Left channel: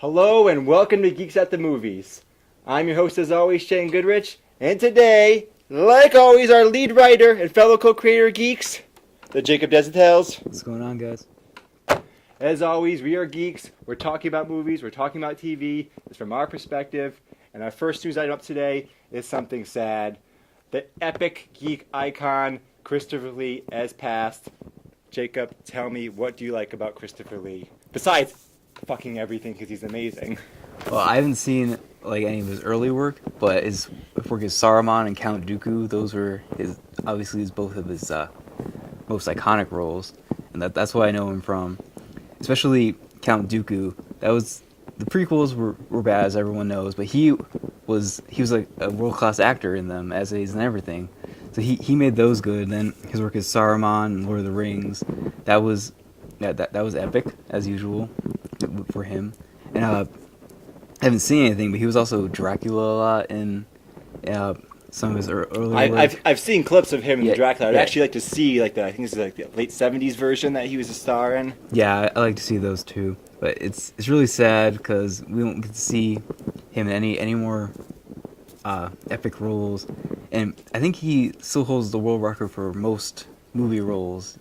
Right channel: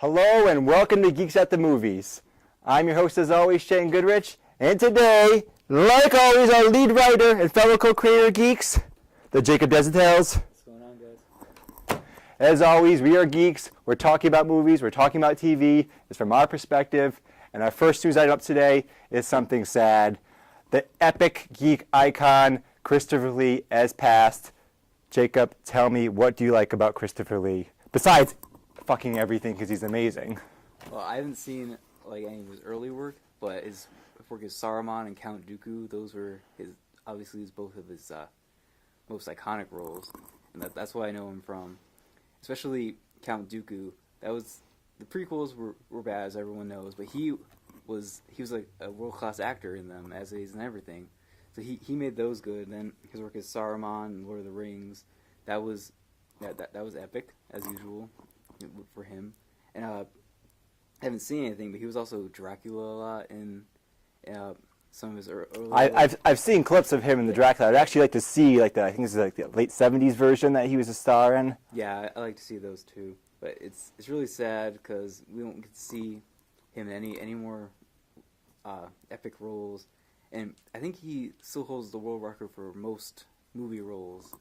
Hello and welcome to Geeks at the Movies. I'm your host as always, Shane Goodrich, and today, like always, our lead writer and fellow co-creator of Geeks, the Jacob Desitels. What's going on, guys? As always, we are geeks. We're talking about movies. We're talking about TV. It's from our perspective. And our first news item up today is something sad. The epic geek icon, Christopher Lee, has passed. Jacob, tell me, what do you like about Christopher Lee? Besides fucking everything, because he's amazing. Well, I haven't seen any of his early work, but his work as Saruman and Count Dooku, those were both of his most iconic roles, and that's what I know him from. Especially Count Dooku. The prequels were bad, as everyone knows, but he was like a world-class actor in them, as is in everything. So he made those good. And then his work as Saruman and Lord of the Rings, that was epic as usual for him. And I haven't seen anything, but he was also Dracula a lot in some of his earlier work. I've seen clips of him in the Dracula. I'd yeah. actually like to see I think this is like the late 70s version that he was a star in. Yeah, I like to see those too. But it's really sad because we don't get to see him in any more epic roles. And I think he still holds the world record for most movie roles,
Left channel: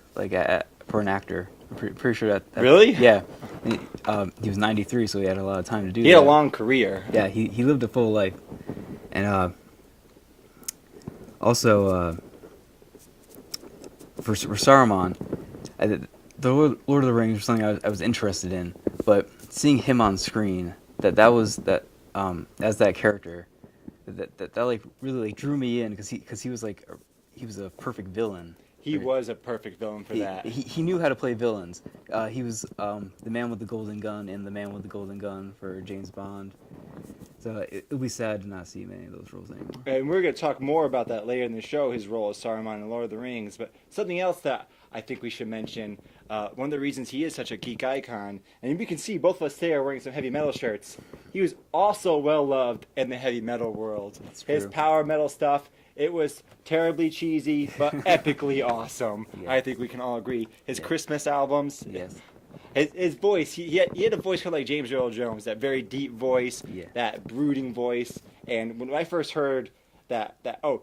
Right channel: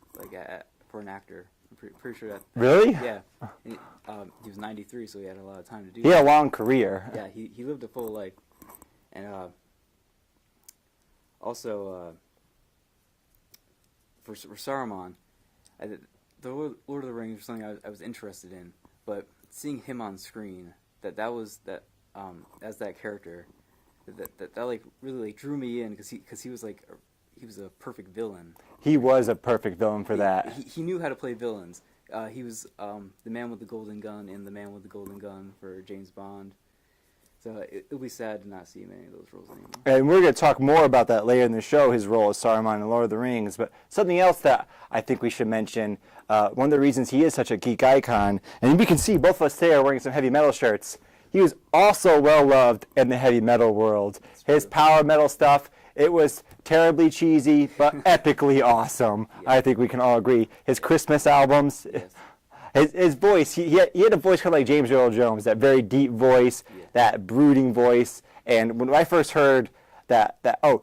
for an actor. I'm pretty sure that. Really? Yeah. He was 93, so he had a lot of time to do that. He had a long career. Yeah, he lived a full life. And also, for Saruman, the Lord of the Rings was something I was interested in, but seeing him on screen, as that character, that really drew me in because he was a perfect villain. He was a perfect villain for that. He knew how to play villains. He was the man with the golden gun and the man with the golden gun for James Bond. So it'll be sad to not see many of those roles anymore. And we're going to talk more about that later in the show, his role as Saruman in Lord of the Rings. But something else that I think we should mention, one of the reasons he is such a geek icon, and we can see both of us today are wearing some heavy metal shirts, he was also well-loved in the heavy metal world. His power metal stuff, it was terribly cheesy, but epically awesome. Yeah. I think we can all agree. His Christmas albums, his voice, he had a voice kind of like James Earl Jones, that very deep voice, that brooding voice. And when I first heard that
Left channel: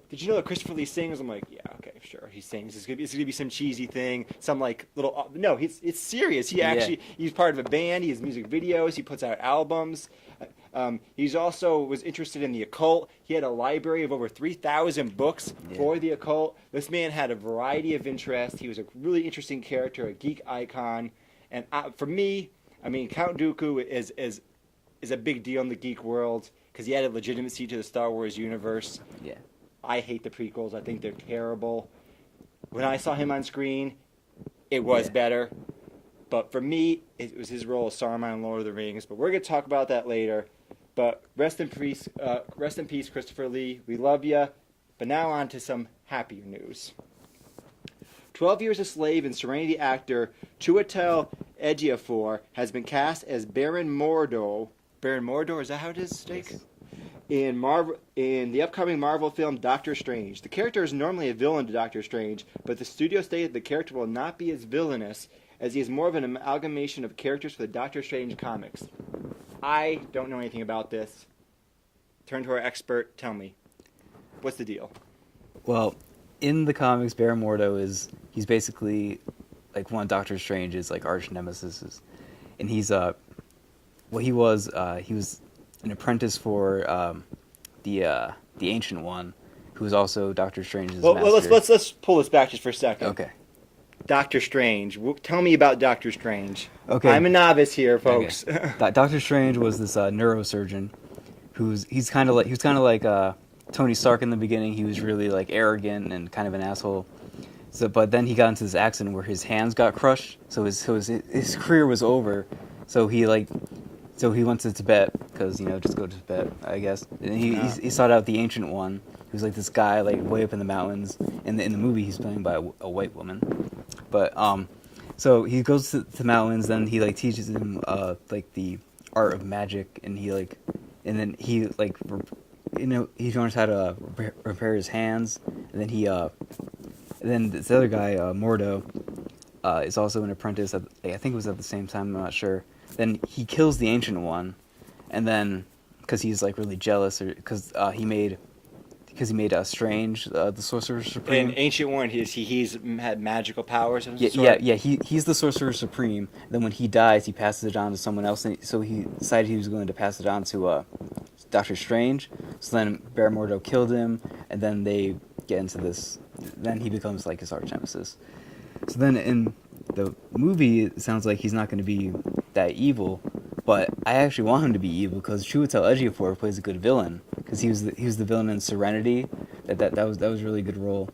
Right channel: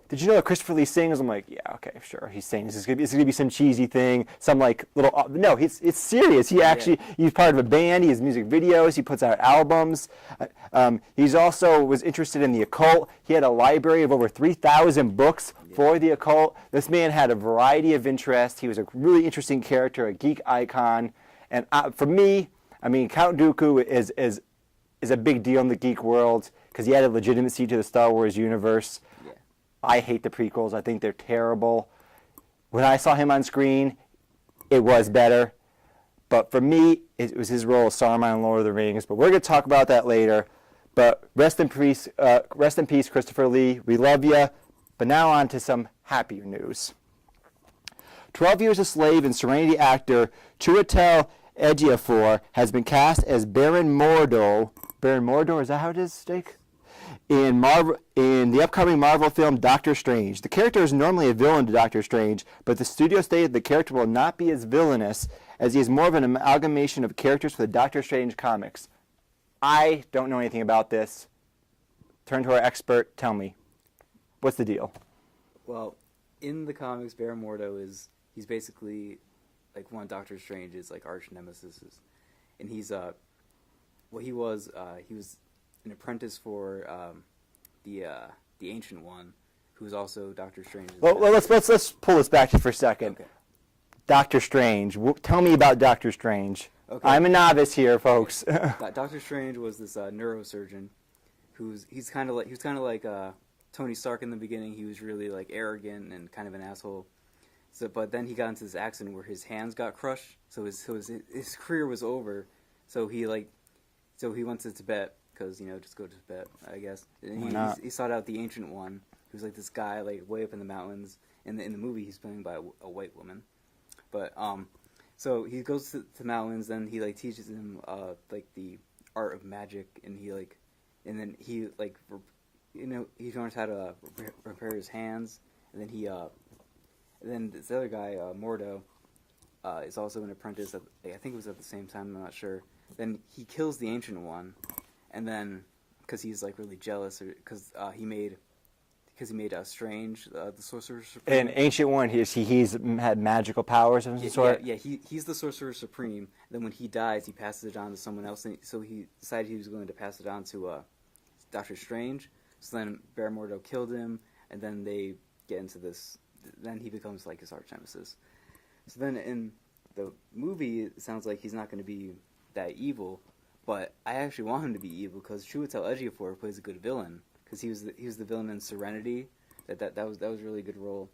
did you know that Christopher Lee sings? I'm like, yeah, okay, sure, he's saying this is gonna be some cheesy thing, some like little. No, it's serious. He's part of a band. He has music videos. He puts out albums. He's also was interested in the occult. He had a library of over 3,000 books for the occult. This man had a variety of interests. He was a really interesting character, a geek icon. And for me, I mean, Count Dooku is a big deal in the geek world because he added legitimacy to the Star Wars universe. Yeah. I hate the prequels. I think they're terrible. When I saw him on screen, it was better. But for me, it was his role as Saruman in Lord of the Rings. But we're going to talk about that later. But rest in peace, Christopher Lee. We love you. But now on to some happier news. 12 Years a Slave and Serenity actor Chiwetel Ejiofor has been cast as Baron Mordo. Baron Mordo, is that how it is, Jake? In the upcoming Marvel film Doctor Strange. The character is normally a villain to Doctor Strange, but the studio stated the character will not be as villainous as he is more of an amalgamation of characters for the Doctor Strange comics. I don't know anything about this. Turn to our expert. Tell me. What's the deal? Well, in the comics, Baron Mordo he's basically like one of Doctor Strange's like arch nemesis, and he was an apprentice for the Ancient One, who was also Doctor Strange's master. Well, let's pull this back just for a second. Okay. Doctor Strange. Tell me about Doctor Strange. Okay. I'm a novice here, folks. Okay. Doctor Strange was this neurosurgeon, he's kind of like Tony Stark in the beginning. He was really like arrogant and kind of an asshole. So, but then he got into this accident where his hands got crushed. So his career was over. So he went to Tibet because just go to Tibet, I guess. And he sought out the Ancient One, who's like this guy like way up in the mountains. In the movie, he's played by a white woman. But so he goes to the mountains. Then he like teaches him like the art of magic, and he learns how to repair his hands. And then then this other guy, Mordo, is also an apprentice. I think it was at the same time. I'm not sure. Then he kills the Ancient One, and then because he's like really jealous, or because he made Strange, the Sorcerer Supreme. In Ancient One, he's had magical powers of some Yeah, sort? yeah. He's the Sorcerer Supreme. Then when he dies, he passes it on to someone else, and so he decided he was going to pass it on to Doctor Strange. So then Baron Mordo killed him, and then they get into this. Then he becomes like his arch nemesis. So then in the movie, it sounds like he's not going to be that evil, but I actually want him to be evil because Chiwetel Ejiofor plays a good villain because he was the villain in Serenity. That was a really good role.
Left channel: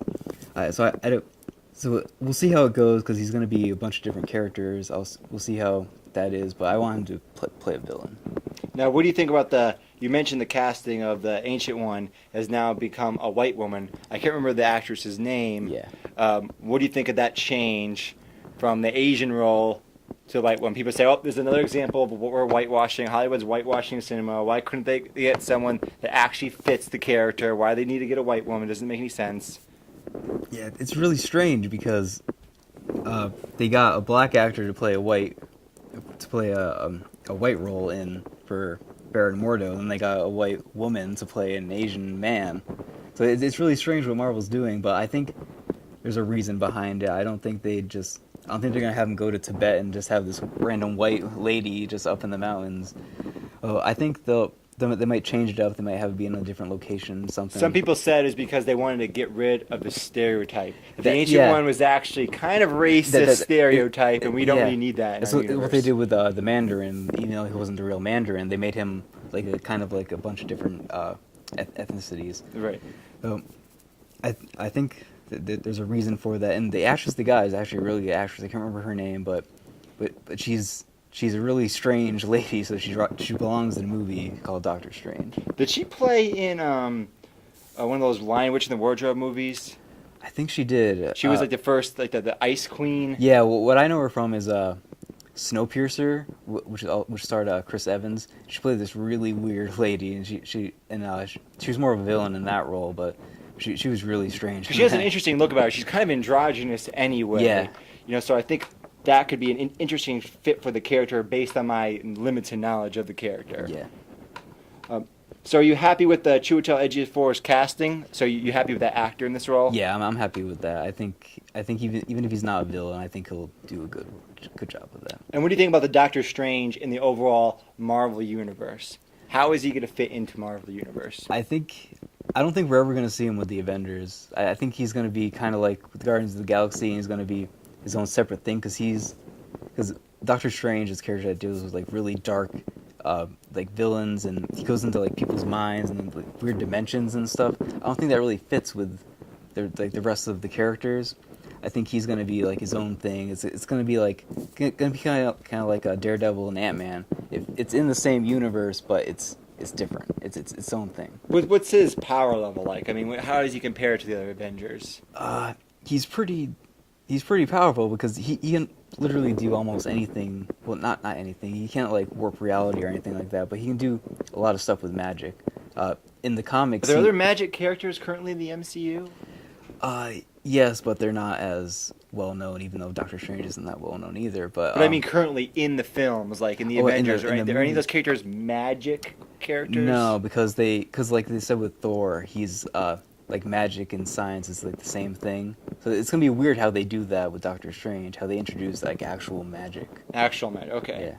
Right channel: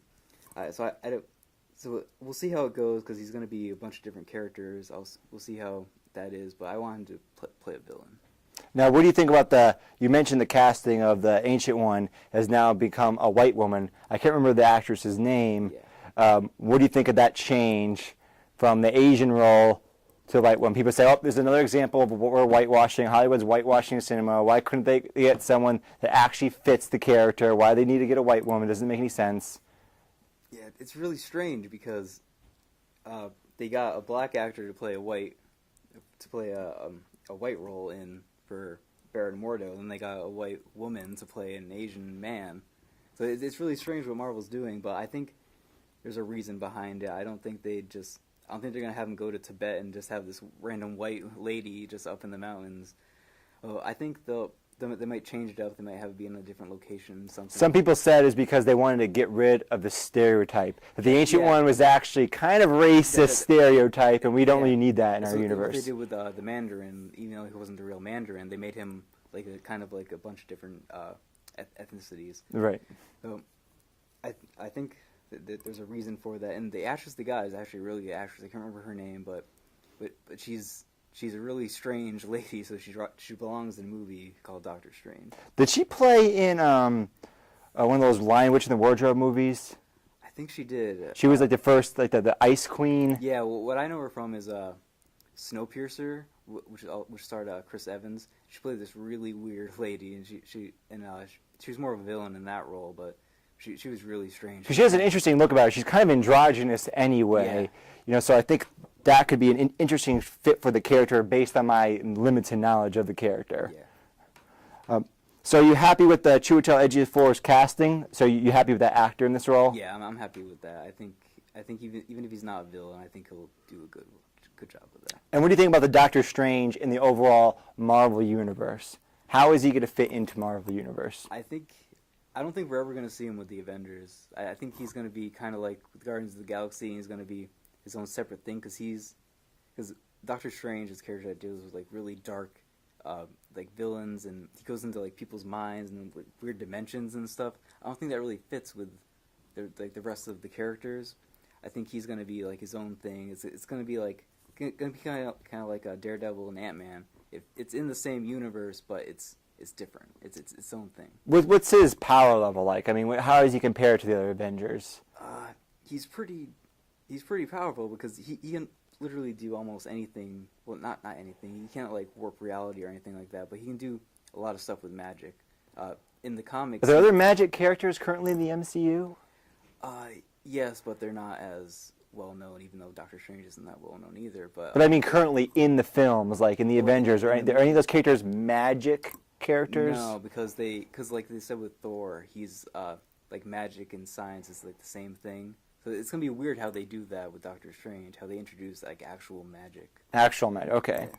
So we'll see how it goes because he's going to be a bunch of different characters. We'll see how that is, but I want him to play a villain. Now, what do you think about you mentioned the casting of the Ancient One has now become a white woman. I can't remember the actress's name. Yeah. What do you think of that change from the Asian role to white woman? People say, oh, there's another example of what we're whitewashing. Hollywood's whitewashing cinema. Why couldn't they get someone that actually fits the character? Why they need to get a white woman? Doesn't make any sense. Yeah, it's really strange because they got a black actor to play a white role for Baron Mordo, and they got a white woman to play an Asian man. So it's really strange what Marvel's doing, but I think there's a reason behind it. I don't think they're gonna have him go to Tibet and just have this random white lady just up in the mountains. I think they might change it up. They might have it be in a different location, something. Some people said it's because they wanted to get rid of the stereotype. The Ancient One was actually kind of racist stereotype, and we don't really need that in our universe. What they did with the Mandarin, even though he wasn't the real Mandarin, they made him like a bunch of different ethnicities. Right. I think that there's a reason for that, and the actress they got is actually a really good actress. I can't remember her name, but she's a really strange lady, so she belongs in a movie called Doctor Strange. Did she play in one of those Lion Witch in the Wardrobe movies? I think she did. She was like the first, like the Ice Queen. Yeah, well, what I know her from is Snowpiercer, which starred Chris Evans. She played this really weird lady, and she was more of a villain in that role, but she was really strange. She has an interesting look about her. She's kind of androgynous anyway. Yeah. You know, so I think that could be an interesting fit for the character based on my limited knowledge of the character. Yeah. So are you happy with the Chiwetel Ejiofor's casting? So you happy with that actor in this role? Yeah, I'm happy with that. I think even if he's not a villain, I think he'll do a good job with that. And what do you think about the Doctor Strange in the overall Marvel universe? How is he going to fit into Marvel universe? I don't think we're ever going to see him with the Avengers. I think he's going to be kind of like with Guardians of the Galaxy, and he's going to be his own separate thing because Doctor Strange, his character that deals with like really dark like villains, and he goes into like people's minds and like weird dimensions and stuff. I don't think that really fits with the rest of the characters. I think he's going to be like his own thing. It's going to be kind of like a Daredevil and Ant-Man. It's in the same universe, but it's different. It's its own thing. What's his power level like? I mean, how does he compare to the other Avengers? He's pretty powerful because he can literally do almost anything. Well, not anything. He can't like warp reality or anything like that, but he can do a lot of stuff with magic. In the comics, Are there other magic characters currently in the MCU? Yes, but they're not as well known. Even though Doctor Strange isn't that well known either. But I mean, currently in the films, like in the Avengers, are any of those characters magic characters? No, because like they said with Thor, he's like magic and science is like the same thing. So it's gonna be weird how they do that with Doctor Strange, how they introduce like actual magic. Actual magic, okay.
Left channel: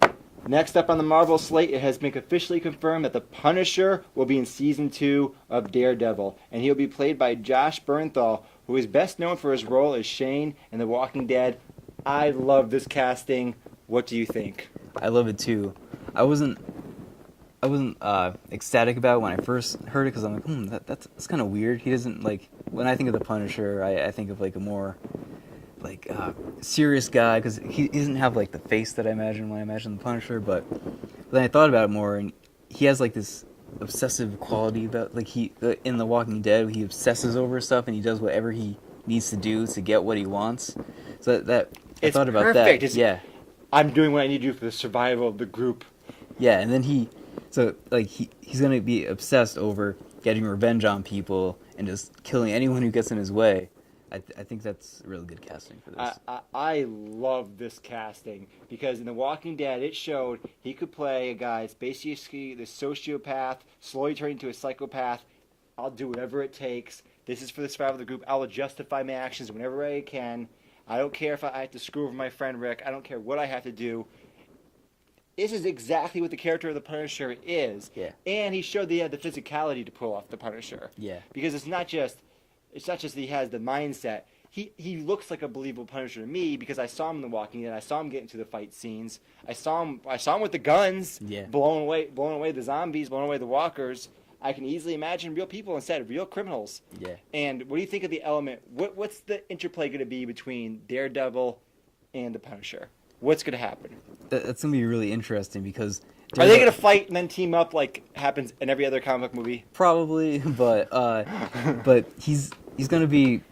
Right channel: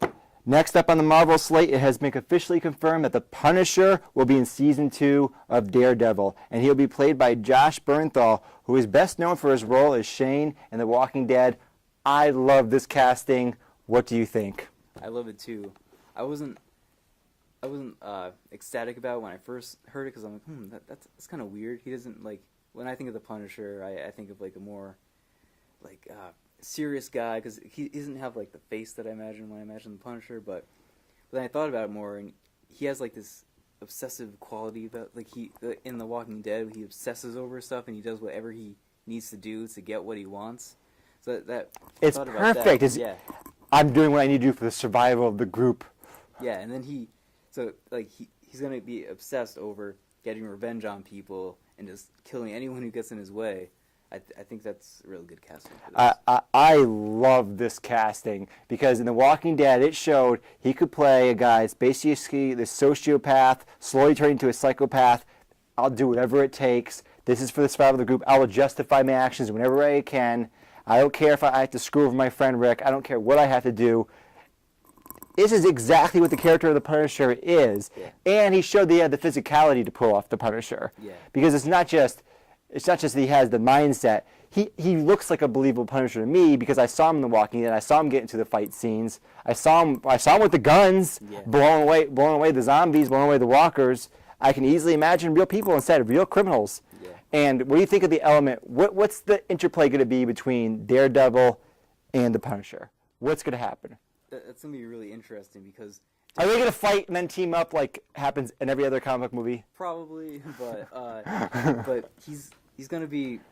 Yeah. Next up on the Marvel slate, it has been officially confirmed that the Punisher will be in Season 2 of Daredevil, and he'll be played by Josh Bernthal, who is best known for his role as Shane in The Walking Dead. I love this casting. What do you think? I love it too. I wasn't ecstatic about it when I first heard it because I'm like, that's kind of weird. He doesn't like when I think of the Punisher, I think of like a more like serious guy because he doesn't have like the face that I imagine when I imagine the Punisher. But then I thought about it more, and he has like this obsessive quality about like in The Walking Dead, he obsesses over stuff and he does whatever he needs to do to get what he wants. So that I It's thought about perfect. that. Yeah. I'm doing what I need to do for the survival of the group. Yeah, and then he's gonna be obsessed over getting revenge on people and just killing anyone who gets in his way. I think that's really good casting for this. I love this casting because in The Walking Dead, it showed he could play a guy that's basically this sociopath, slowly turning into a psychopath. I'll do whatever it takes. This is for the survival of the group. I will justify my actions whenever I can. I don't care if I have to screw over my friend Rick. I don't care what I have to do. This is exactly what the character of the Punisher is. Yeah. And he showed that he had the physicality to pull off the Punisher. Yeah. Because it's not just that he has the mindset. He looks like a believable Punisher to me because I saw him in The Walking Dead. I saw him get into the fight scenes. I saw him with the guns, Yeah. blowing away the zombies, blowing away the walkers. I can easily imagine real people instead of real criminals. Yeah. And what do you think of the element? What's the interplay going to be between Daredevil and the Punisher? What's going to happen? That's gonna be really interesting because Are they going to fight and then team up like happens in every other comic book movie? probably, but he's gonna be.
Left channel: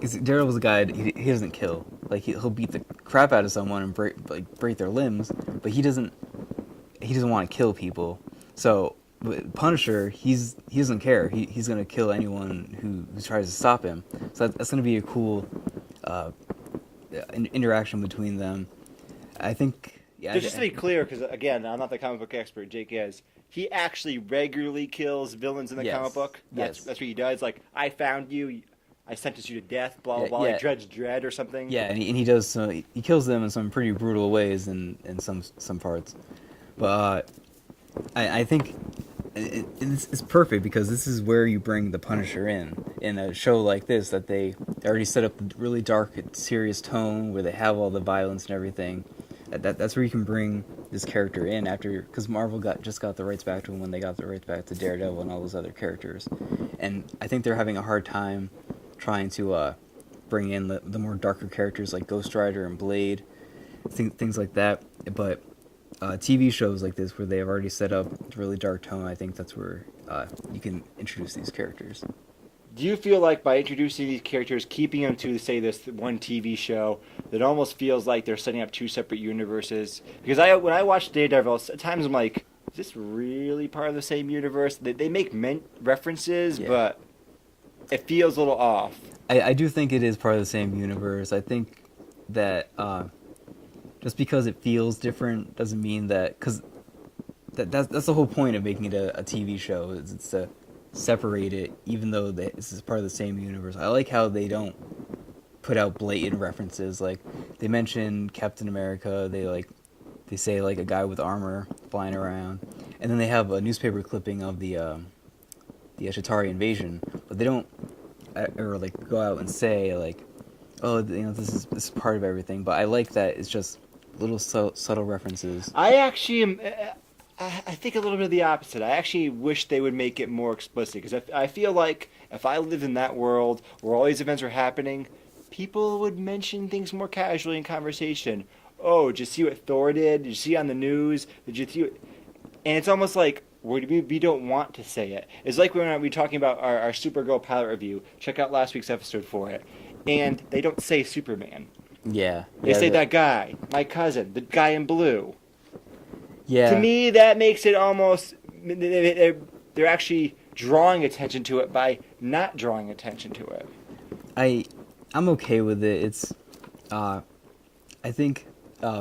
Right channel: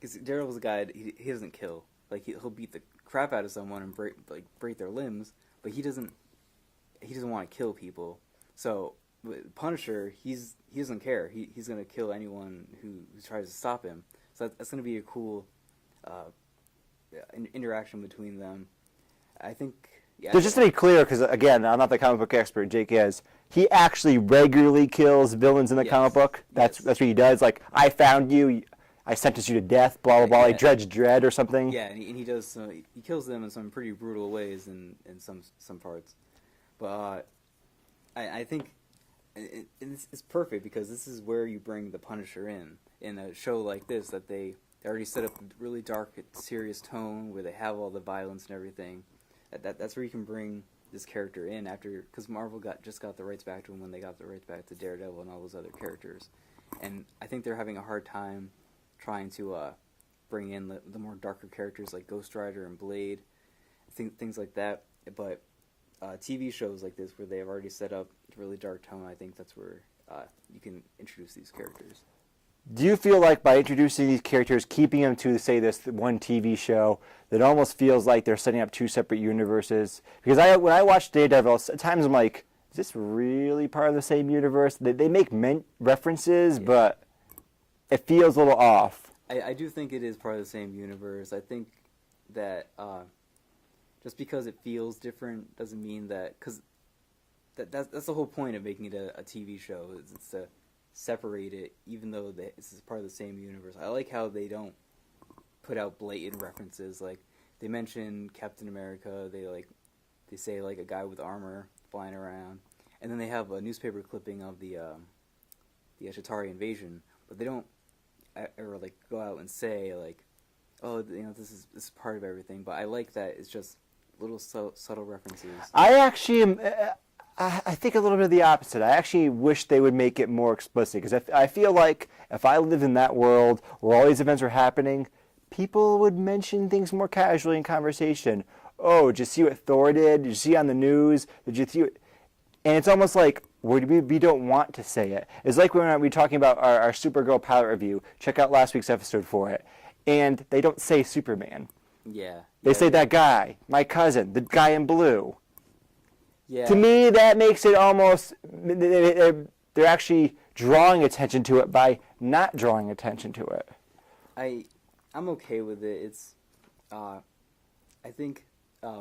Cause Daredevil's a guy. He doesn't kill. Like he'll beat the crap out of someone and break their limbs, but he doesn't want to kill people. So Punisher, he doesn't care. He's gonna kill anyone who tries to stop him. So that's gonna be a cool interaction between them. I think. Yeah, So just to be clear, because again, I'm not the comic book expert, Jake is. He actually regularly kills villains in the Yes. comic book. That's what he does. Like, I found you, I sentenced you to death, blah, blah, blah, like Judge Dredd or something. Yeah, and he does. He kills them in some pretty brutal ways in some parts. But I think it's perfect because this is where you bring the Punisher in a show like this that they already set up a really dark, serious tone where they have all the violence and everything. That's where you can bring this character in after, because Marvel just got the rights back to him when they got the rights back to Daredevil and all those other characters, and I think they're having a hard time trying to bring in the more darker characters like Ghost Rider and Blade, things like that. But TV shows like this where they have already set up a really dark tone, I think that's where you can introduce these characters. Do you feel like by introducing these characters, keeping them to, say, this one TV show, that almost feels like they're setting up two separate universes? Because when I watch Daredevil, at times I'm like, is this really part of the same universe? They make references, but it feels a little off. I do think it is part of the same universe. I think that just because it feels different doesn't mean that, because that's the whole point of making it a TV show, is it's to separate it, even though this is part of the same universe. I like how they don't put out blatant references. Like, they mention Captain America, they say like a guy with armor flying around, and then they have a newspaper clipping of the Shatari invasion, but they don't ever like go out and say like, oh, this is part of everything. But I like that it's just little subtle references. I actually am. I think a little bit of the opposite. I actually wish they would make it more explicit, because I feel like if I lived in that world where all these events are happening, people would mention things more casually in conversation. Oh, did you see what Thor did? Did you see on the news? Did you see? And it's almost like we don't want to say it. It's like when we're talking about our Supergirl pilot review. Check out last week's episode for it. And they don't say Superman. Yeah. They say that guy, my cousin, the guy in blue. Yeah. To me, that makes it almost, they're actually drawing attention to it by not drawing attention to it. I'm okay with it. It's, I think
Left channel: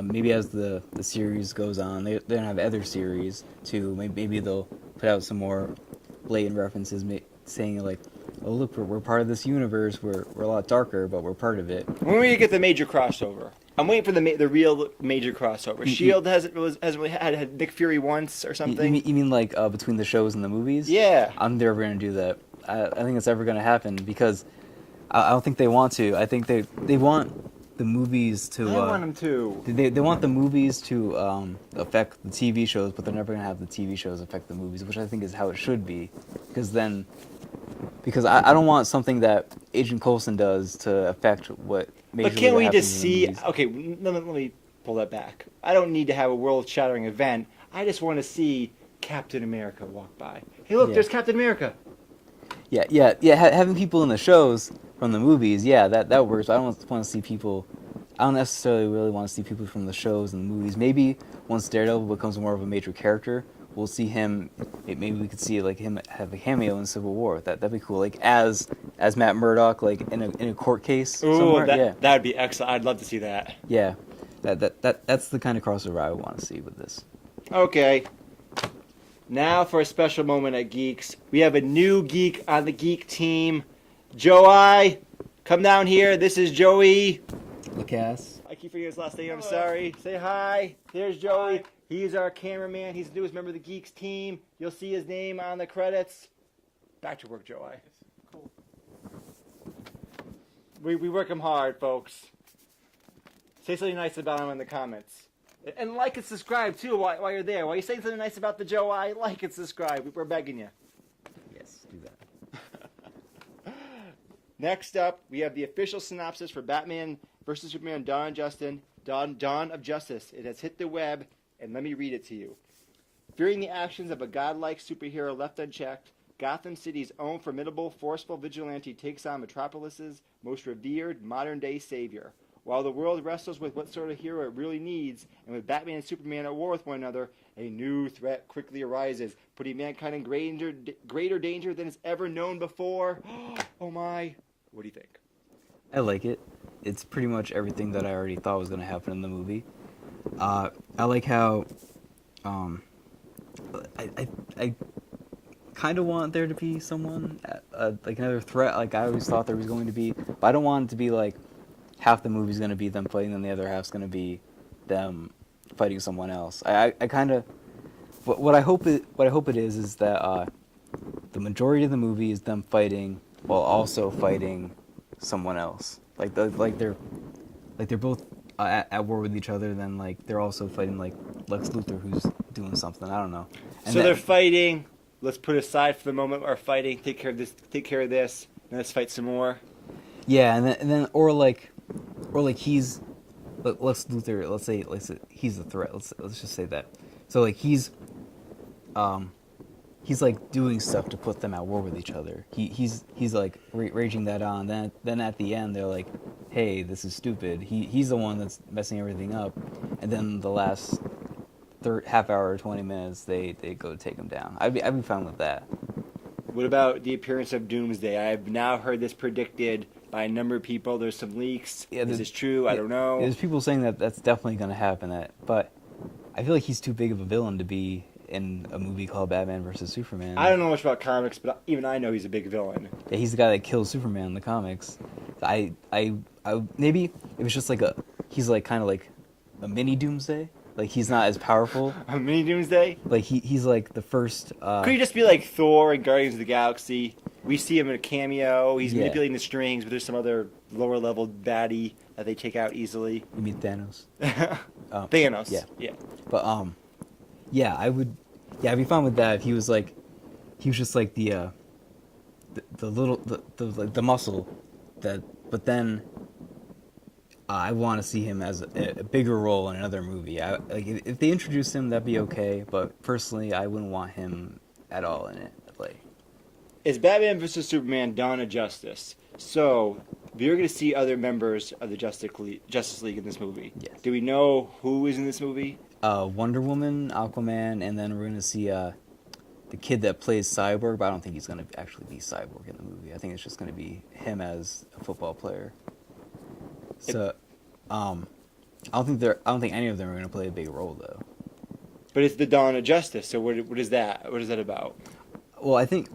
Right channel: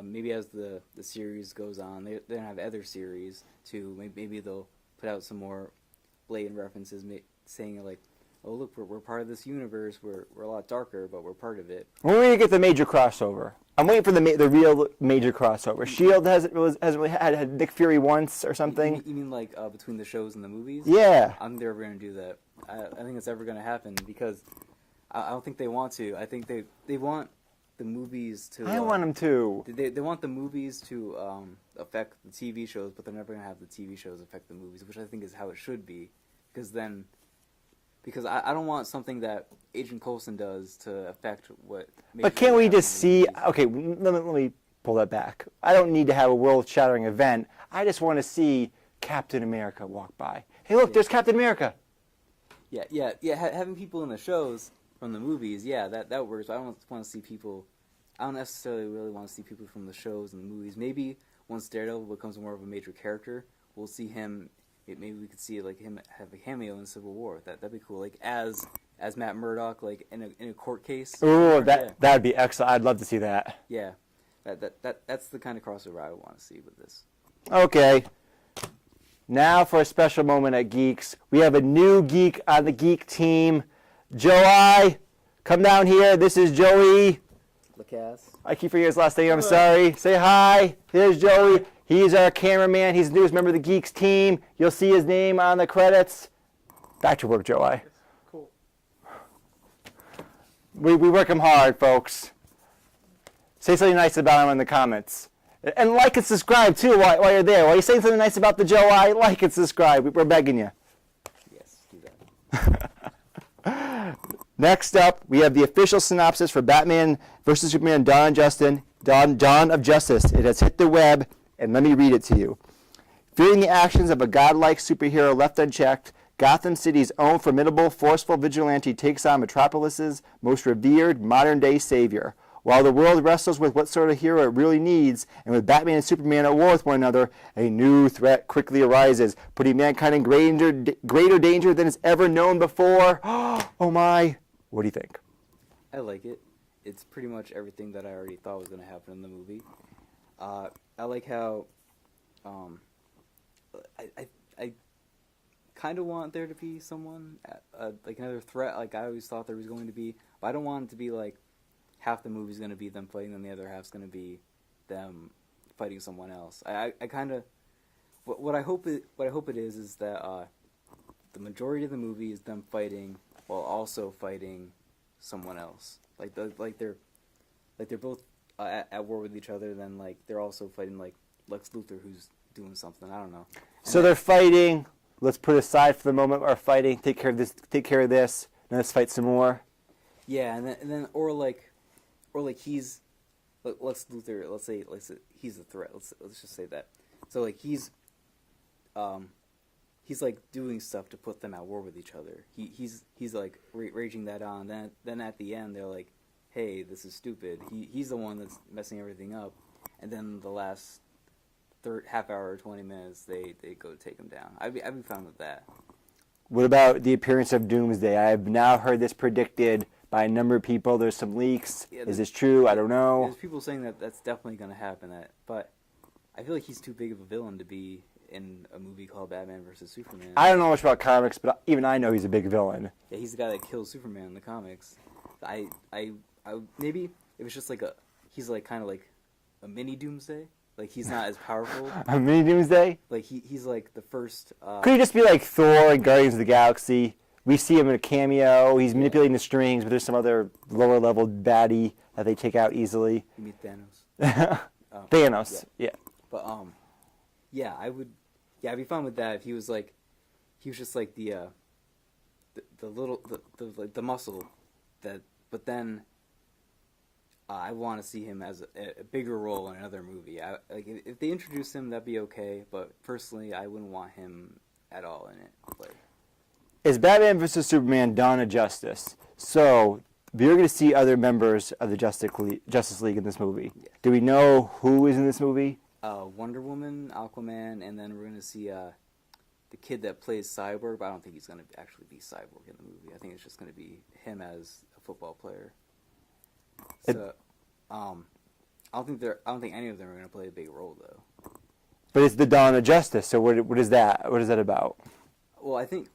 maybe as the series goes on, they're gonna have other series too. Maybe they'll put out some more blatant references, saying like, oh look, we're part of this universe. We're a lot darker, but we're part of it. When are we gonna get the major crossover? I'm waiting for the real major crossover. Shield hasn't really had Nick Fury once or something. You mean like between the shows and the movies? Yeah. I'm never gonna do that. I think it's ever gonna happen because I don't think they want to. I think they want the movies to. I want them to. They want the movies to affect the TV shows, but they're never gonna have the TV shows affect the movies, which I think is how it should be. Because I don't want something that Agent Coulson does to affect what. But can't we just see? Okay, let me pull that back. I don't need to have a world-shattering event. I just want to see Captain America walk by. Hey, look, there's Captain America. Yeah. Having people in the shows from the movies, that works. But I don't want to see people. I don't necessarily really want to see people from the shows and the movies. Maybe once Daredevil becomes more of a major character, we'll see him. Maybe we could see like him have a cameo in Civil War. That'd be cool. Like as Matt Murdock, like in a court case. Ooh, Yeah. that'd be excellent. I'd love to see that. Yeah. That's the kind of crossover I would want to see with this. Okay. Now for a special moment at Geeks. We have a new geek on the geek team. Joey, come down here. This is Joey. Lacasse. I keep forgetting his last name. I'm sorry. Say hi. Here's Joey. He's our cameraman. He's the newest member of the Geeks team. You'll see his name on the credits. Back to work, Joey. Cool. We work him hard, folks. Say something nice about him in the comments. And like and subscribe, too, while you're there. While you're saying something nice about the Joey, like and subscribe. We're begging you. Yes, do that. Next up, we have the official synopsis for Batman vs. Superman Dawn of Justice. It has hit the web, and let me read it to you. Fearing the actions of a godlike superhero left unchecked, Gotham City's own formidable, forceful vigilante takes on Metropolis's most revered modern-day savior. While the world wrestles with what sort of hero it really needs, and with Batman and Superman at war with one another, a new threat quickly arises, putting mankind in greater danger than it's ever known before. Oh my. What do you think? I like it. It's pretty much everything that I already thought was going to happen in the movie. I like how I kind of want there to be someone, like another threat, like I always thought there was going to be, but I don't want it to be like half the movie's going to be them fighting and the other half's going to be them fighting someone else. I kind of, what I hope it is that the majority of the movie is them fighting while also fighting someone else. Like they're both at war with each other. Then like they're also fighting like Lex Luthor, who's doing something. I don't know. And So they're fighting. Let's put aside for the moment our fighting. Take care of this. Take care of this. And let's fight some more. Yeah, and then or like he's Lex Luthor. Let's say he's the threat. Let's just say that. So like he's like doing stuff to put them at war with each other. He's like raging that on. Then at the end they're like, hey, this is stupid. He's the one that's messing everything up. And then the last half hour or 20 minutes they go to take him down. I'd be fine with that. What about the appearance of Doomsday? I've now heard this predicted by a number of people. There's some leaks. Yeah, is this true? I don't know. There's people saying that that's definitely going to happen. But I feel like he's too big of a villain to be in a movie called Batman vs. Superman. I don't know much about comics, but even I know he's a big villain. Yeah, he's the guy that kills Superman in the comics. I maybe it was just like he's like kind of like a mini Doomsday. Like he's not as powerful. A mini Doomsday? Like he's like the first. Could he just be like Thor in Guardians of the Galaxy? We see him in a cameo. He's Yeah. manipulating the strings, but there's some other lower level baddie that they take out easily. You mean Thanos? Thanos. Yeah. But yeah, I'd be fine with that if he was just like the muscle that, but then I want to see him as a bigger role in another movie. Like if they introduced him, that'd be okay. But personally, I wouldn't want him at all in it. Like, Is Batman vs. Superman Dawn of Justice? So, we're going to see other members of the Justice League in this movie. Yes. Do we know who is in this movie? Wonder Woman, Aquaman, and then we're gonna see the kid that plays Cyborg. But I don't think he's gonna actually be Cyborg in the movie. I think it's just gonna be him as a football player. So, I don't think any of them are gonna play a big role though. But it's the Dawn of Justice, so what is that? What is that about? Well, I think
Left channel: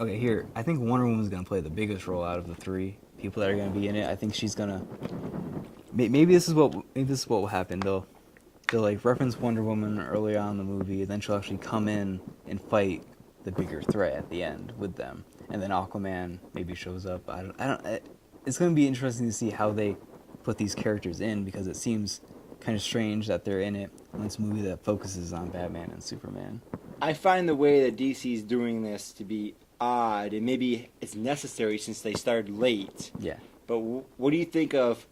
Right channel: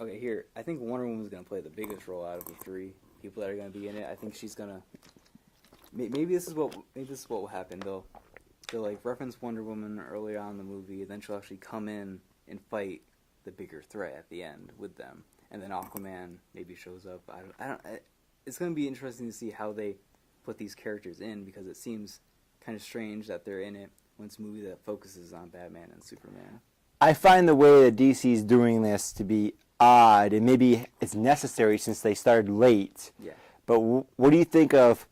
Wonder Woman's gonna play the biggest role out of the three people that are gonna be in it. I think she's gonna. Maybe this is what will happen. They'll like reference Wonder Woman early on in the movie, and then she'll actually come in and fight the bigger threat at the end with them, and then Aquaman maybe shows up. I don't. It's gonna be interesting to see how they put these characters in, because it seems kind of strange that they're in it when it's a movie that focuses on Batman and Superman. I find the way that DC's doing this to be odd, and maybe it's necessary since they started late. Yeah. But what do you think of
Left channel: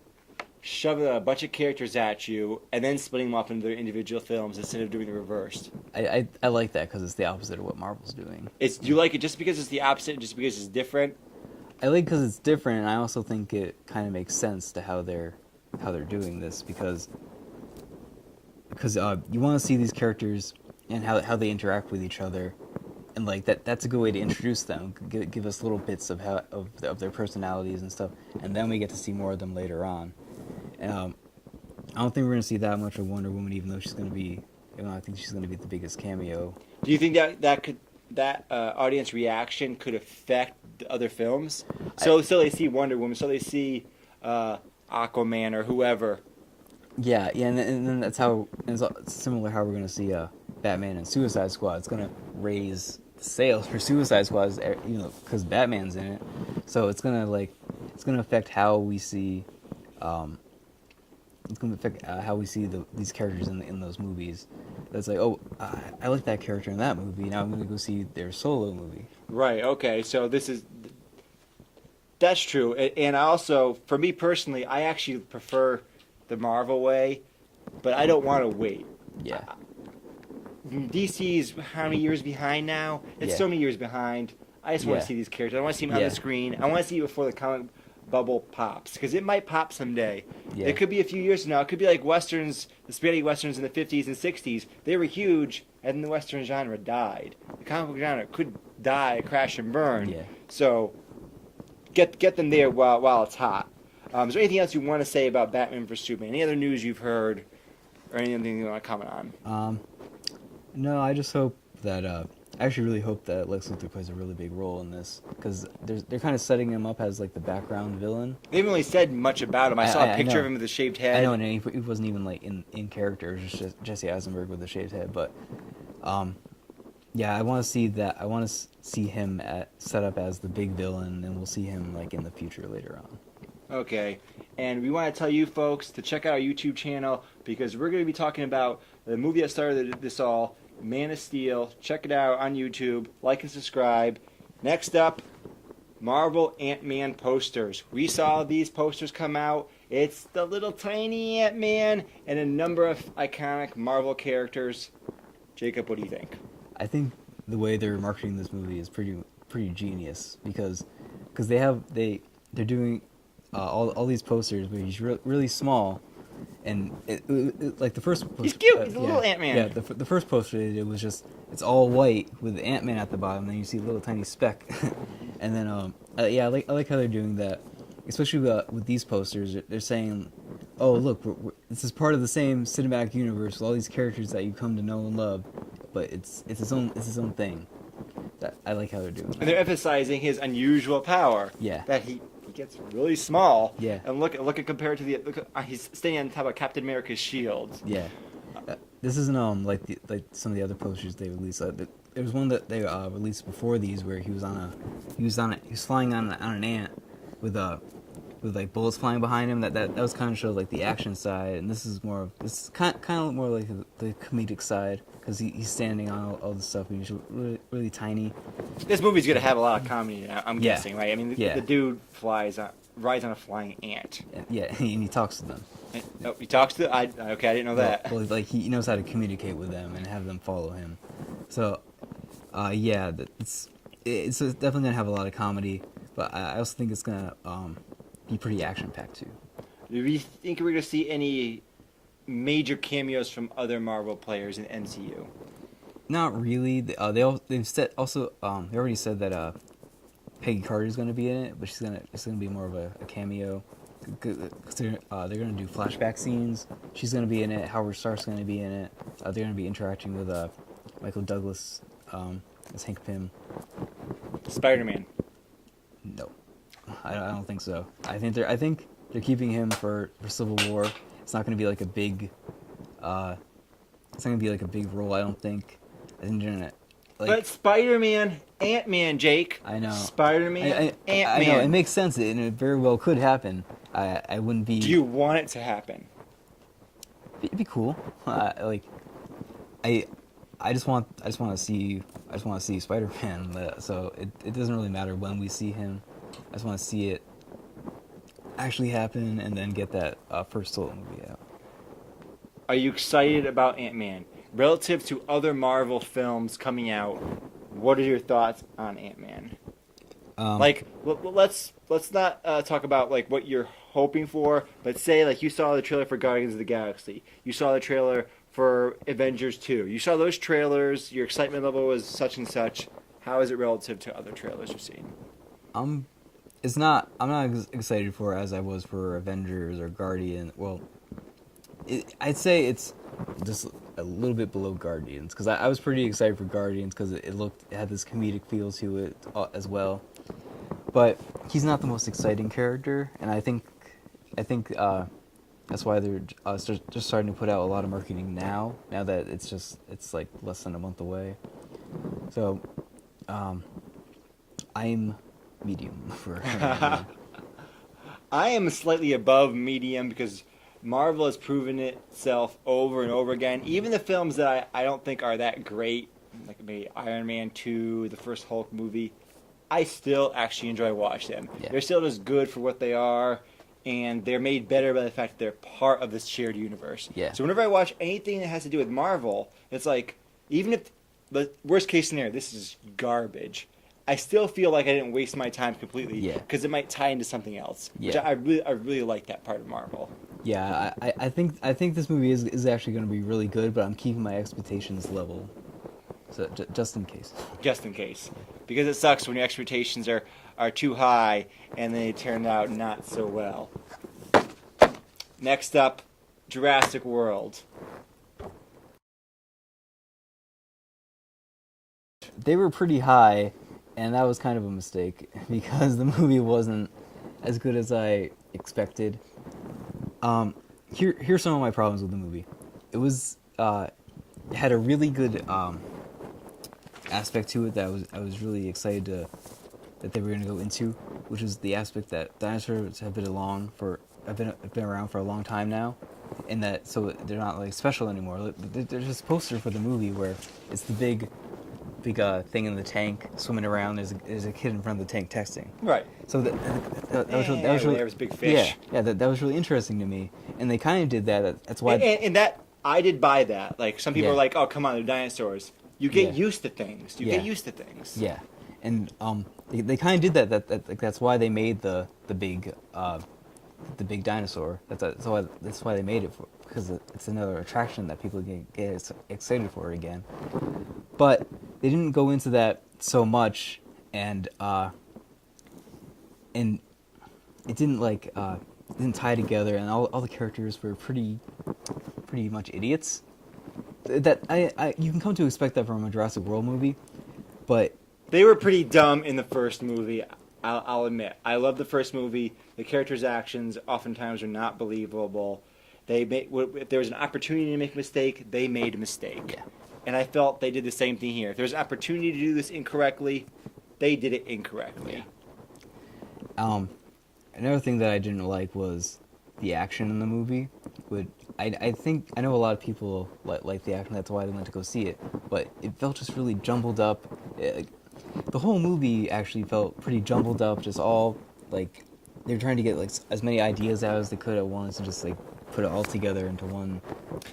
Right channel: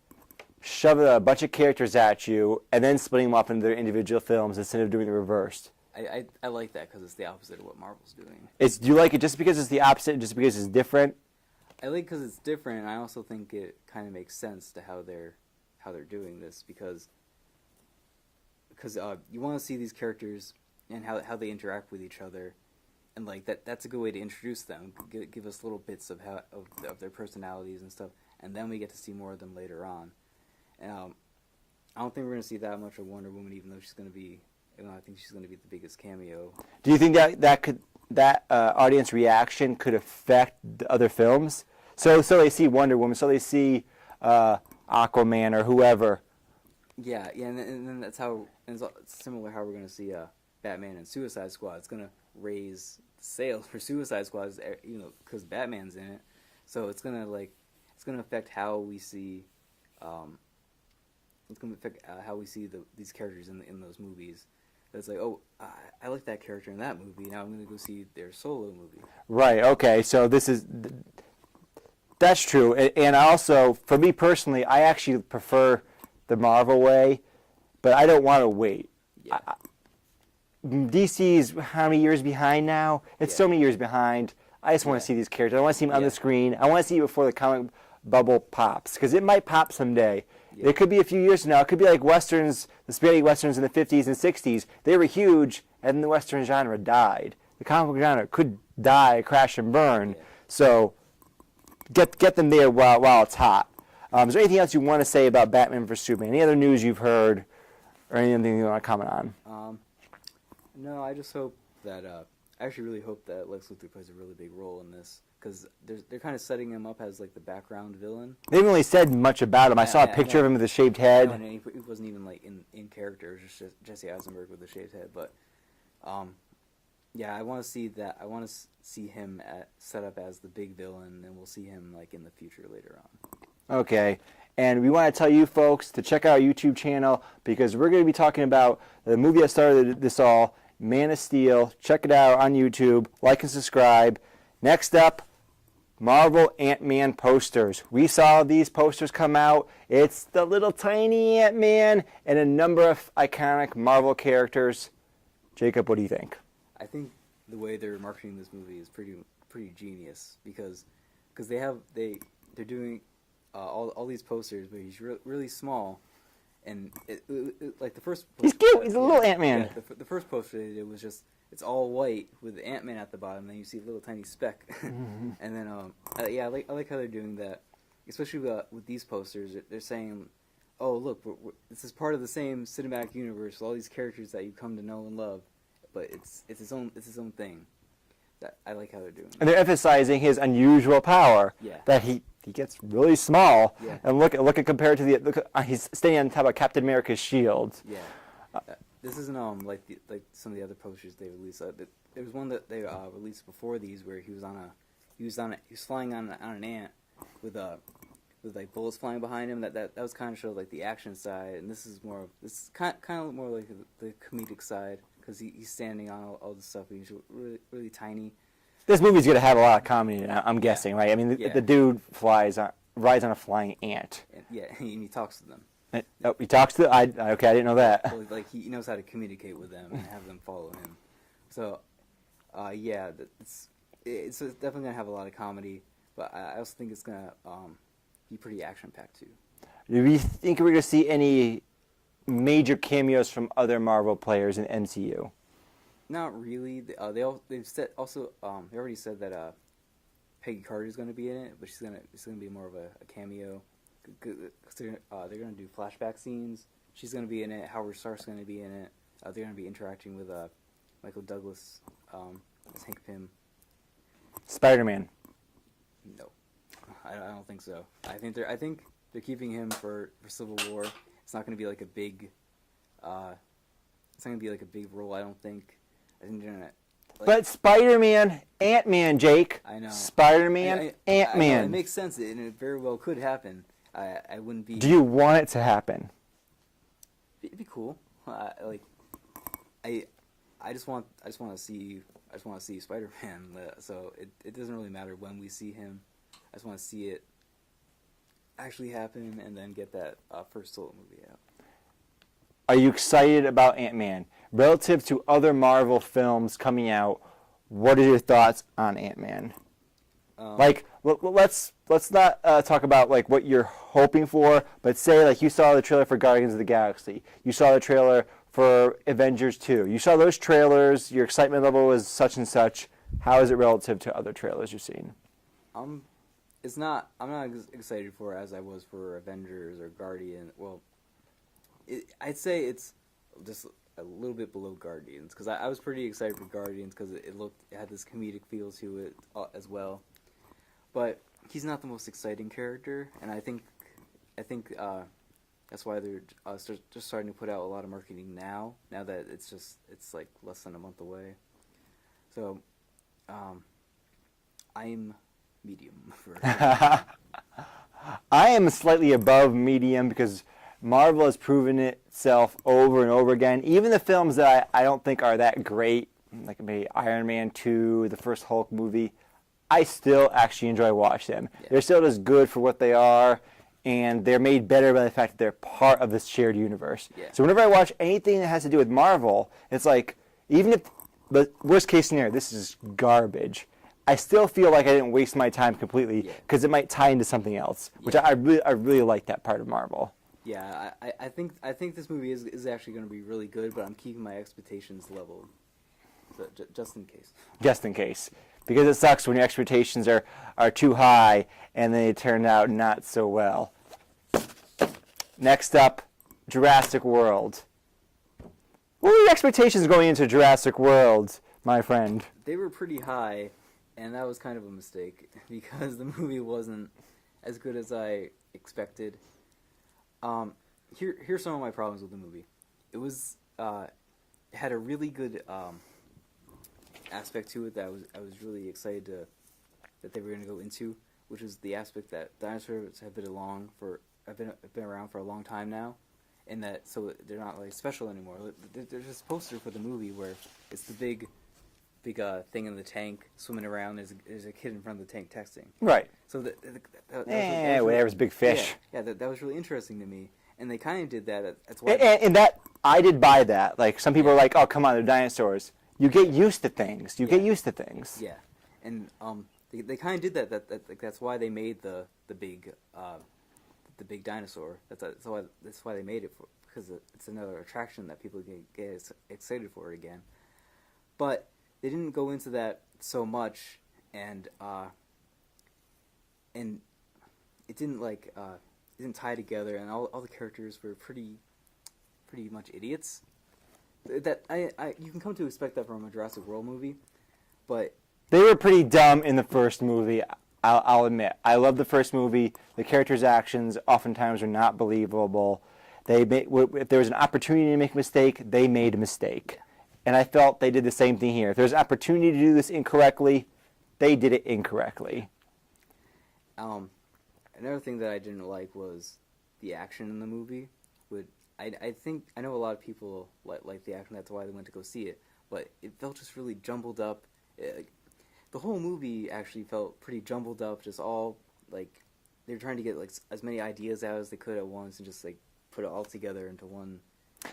shoving a bunch of characters at you and then splitting them up into their individual films instead of doing the reverse? I like that because it's the opposite of what Marvel's doing. Do you like it just because it's the opposite, just because it's different? I like because it's different, and I also think it kind of makes sense to how they're doing this because you want to see these characters and how they interact with each other, and like that's a good way to introduce them. Give us little bits of of their personalities and stuff, and then we get to see more of them later on. I don't think we're gonna see that much of Wonder Woman, even though she's gonna be. I think she's gonna be the biggest cameo. Do you think that audience reaction could affect the other films? So they see Wonder Woman, so they see Aquaman or whoever. Yeah, and then that's how it's similar how we're gonna see Batman and Suicide Squad. It's gonna raise sales for Suicide Squad, because Batman's in it. So it's gonna affect how we see. It's gonna affect how we see these characters in those movies. That's like, oh, I like that character in that movie. Now I'm gonna go see their solo movie. Right. Okay. So that's true. And also, for me personally, I actually prefer the Marvel way, but I don't want to wait. Yeah. DC's how many years behind now? It's so many years behind. I just want to see these characters. I want to see them on the screen. I want to see it before the comic bubble pops, because it might pop someday. Yeah. It could be a few years from now. It could be like westerns, the spaghetti westerns in the 50s and 60s. They were huge, and then the western genre died. The comic book genre could die, crash and burn. Yeah. So get them there while it's hot. Is there anything else you want to say about Batman vs Superman? Any other news you've heard, or anything you want to comment on? No, I just hope that. I actually really hope that Lex Luthor plays a really big role in this, because they're kind of setting him up as like the background villain. They haven't really said much about him. I saw a picture of him with a shaved head. I know, and he wasn't even like in character. It was just Jesse Eisenberg with a shaved head. But yeah, I want to see that. I want to see him set up as the big villain, and we'll see him like in the future later on. Okay, and we want to tell you folks to check out our YouTube channel, because we're going to be talking about the movie that started this all, Man of Steel. Check it out on YouTube. Like and subscribe. Next up, Marvel Ant-Man posters. We saw these posters come out. It's the little tiny Ant-Man and a number of iconic Marvel characters. Jacob, what do you think? I think the way they're marketing this movie is pretty genius, because they're doing all these posters, but he's really small, and like the first poster, he's cute. He's a little Ant-Man. Yeah, the first poster they did was just, it's all white with Ant-Man at the bottom, and then you see a little tiny speck, and then I like how they're doing that, especially with these posters. They're saying, oh look, this is part of the same cinematic universe with all these characters that you come to know and love, but it's its own thing. I like how they're doing that. And they're emphasizing his unusual power. Yeah. That he gets really small. Yeah. And look at compared to he's standing on top of Captain America's shield. Yeah. This isn't like some of the other posters they released. There was one that they released before these where he was flying on an ant with like bullets flying behind him. That was kind of showed like the action side, and this is kind of more like the comedic side, because he's standing on all the stuff and he's really tiny. This movie's gonna have a lot of comedy, I'm guessing, right? I mean, the dude rides on a flying ant. Yeah, and he talks to them. Oh, he talks to I didn't know that. Well, like he knows how to communicate with them and have them follow him. So, yeah, it's definitely gonna have a lot of comedy, but I also think it's gonna be pretty action-packed too. Do we think we're gonna see any major cameos from other Marvel players in MCU? Not really. They already said that Peggy Carter's gonna be in it, but it's gonna be more of a cameo. Cause they're gonna do flashback scenes. She's gonna be in it. Howard Stark's gonna be in it. They're gonna be interacting with Michael Douglas as Hank Pym. Spider-Man. No, I don't think so. I think they're keeping him for Civil War. It's not gonna be like a big. It's not gonna be like a big role. I don't think. I think they're gonna. But Spider-Man, Ant-Man, Jake. I know. Spider-Man, Ant-Man. I know, it makes sense, and it very well could happen. I wouldn't be. Do you want it to happen? It'd be cool. I just want to see Spider-Man. So it doesn't really matter when we see him. I just want to see it actually happen, and then get that first solo movie out. Are you excited about Ant-Man? Relative to other Marvel films coming out, what are your thoughts on Ant-Man? Let's not talk about like what you're hoping for, but say like you saw the trailer for Guardians of the Galaxy, you saw the trailer for Avengers 2? You saw those trailers, your excitement level was such and such. How is it relative to other trailers you've seen? It's not. I'm not excited for it as I was for Avengers or Guardian. Well, I'd say it's just a little bit below Guardians because I was pretty excited for Guardians because it had this comedic feel to it as well. But he's not the most exciting character, and I think that's why they're just starting to put out a lot of marketing now. Now that it's like less than a month away. So, I'm medium for. I am slightly above medium because Marvel has proven itself over and over again. Even the films that I don't think are that great, like maybe Iron Man 2, the first Hulk movie, I still actually enjoy watching them. Yeah. They're still just good for what they are, and they're made better by the fact that they're part of this shared universe. Yeah. So whenever I watch anything that has to do with Marvel, it's like, even if the worst case scenario, this is garbage, I still feel like I didn't waste my time completely because it might tie into something else, which I really like that part of Marvel. Yeah, I think this movie is actually going to be really good, but I'm keeping my expectations level, so just in case. Just in case. Because it sucks when your expectations are too high and they turn out not so well. Next up, Jurassic World. What were your expectations going into Jurassic World, my friend? They were pretty high, and that was kind of a mistake because the movie wasn't as good as I expected. Here's some of my problems with the movie. It was it had a really good aspect to it that I was really excited that they were going to go into, which is the aspect that dinosaurs have been around for a long time now, and that so they're not like special anymore. There's this poster for the movie where it's the big thing in the tank swimming around. There's a kid in front of the tank texting. Right. So that was there was big fish. Yeah, that was really interesting to me, and they kind of did that. That's why. And that I did buy that. Like some people are like, "Oh, come on, they're dinosaurs." You get Yeah. used to things. You get used to things. Yeah, and they kind of did that. That's why they made the big dinosaur. That's why they made it because it's another attraction that people get excited for again. But they didn't go into that so much, and it didn't tie together, and all the characters were pretty much idiots. That you can come to expect that from a Jurassic World movie, but they were pretty dumb in the first movie. I'll admit. I love the first movie. The characters' actions oftentimes are not believable. If there was an opportunity to make a mistake, they made a mistake. Yeah. And I felt they did the same thing here. If there's an opportunity to do this incorrectly, they did it incorrectly. Yeah. Another thing that I didn't like was the action in the movie. I think I know a lot of people like the action. That's why they went to go see it. But it felt just really jumbled up. The whole movie actually felt pretty jumbled up. Just all like they were trying to get like as many ideas out as they could at once and just like put it all together into one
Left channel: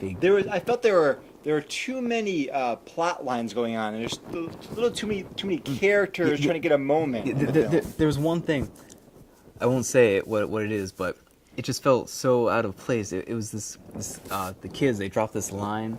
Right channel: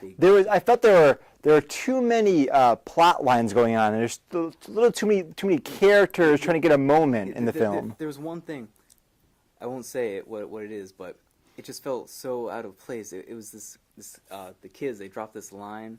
big. I felt there were too many plot lines going on. There's a little too many characters trying to get a moment in the film. There was one thing. I won't say what it is, but it just felt so out of place. It was the kids. They dropped this line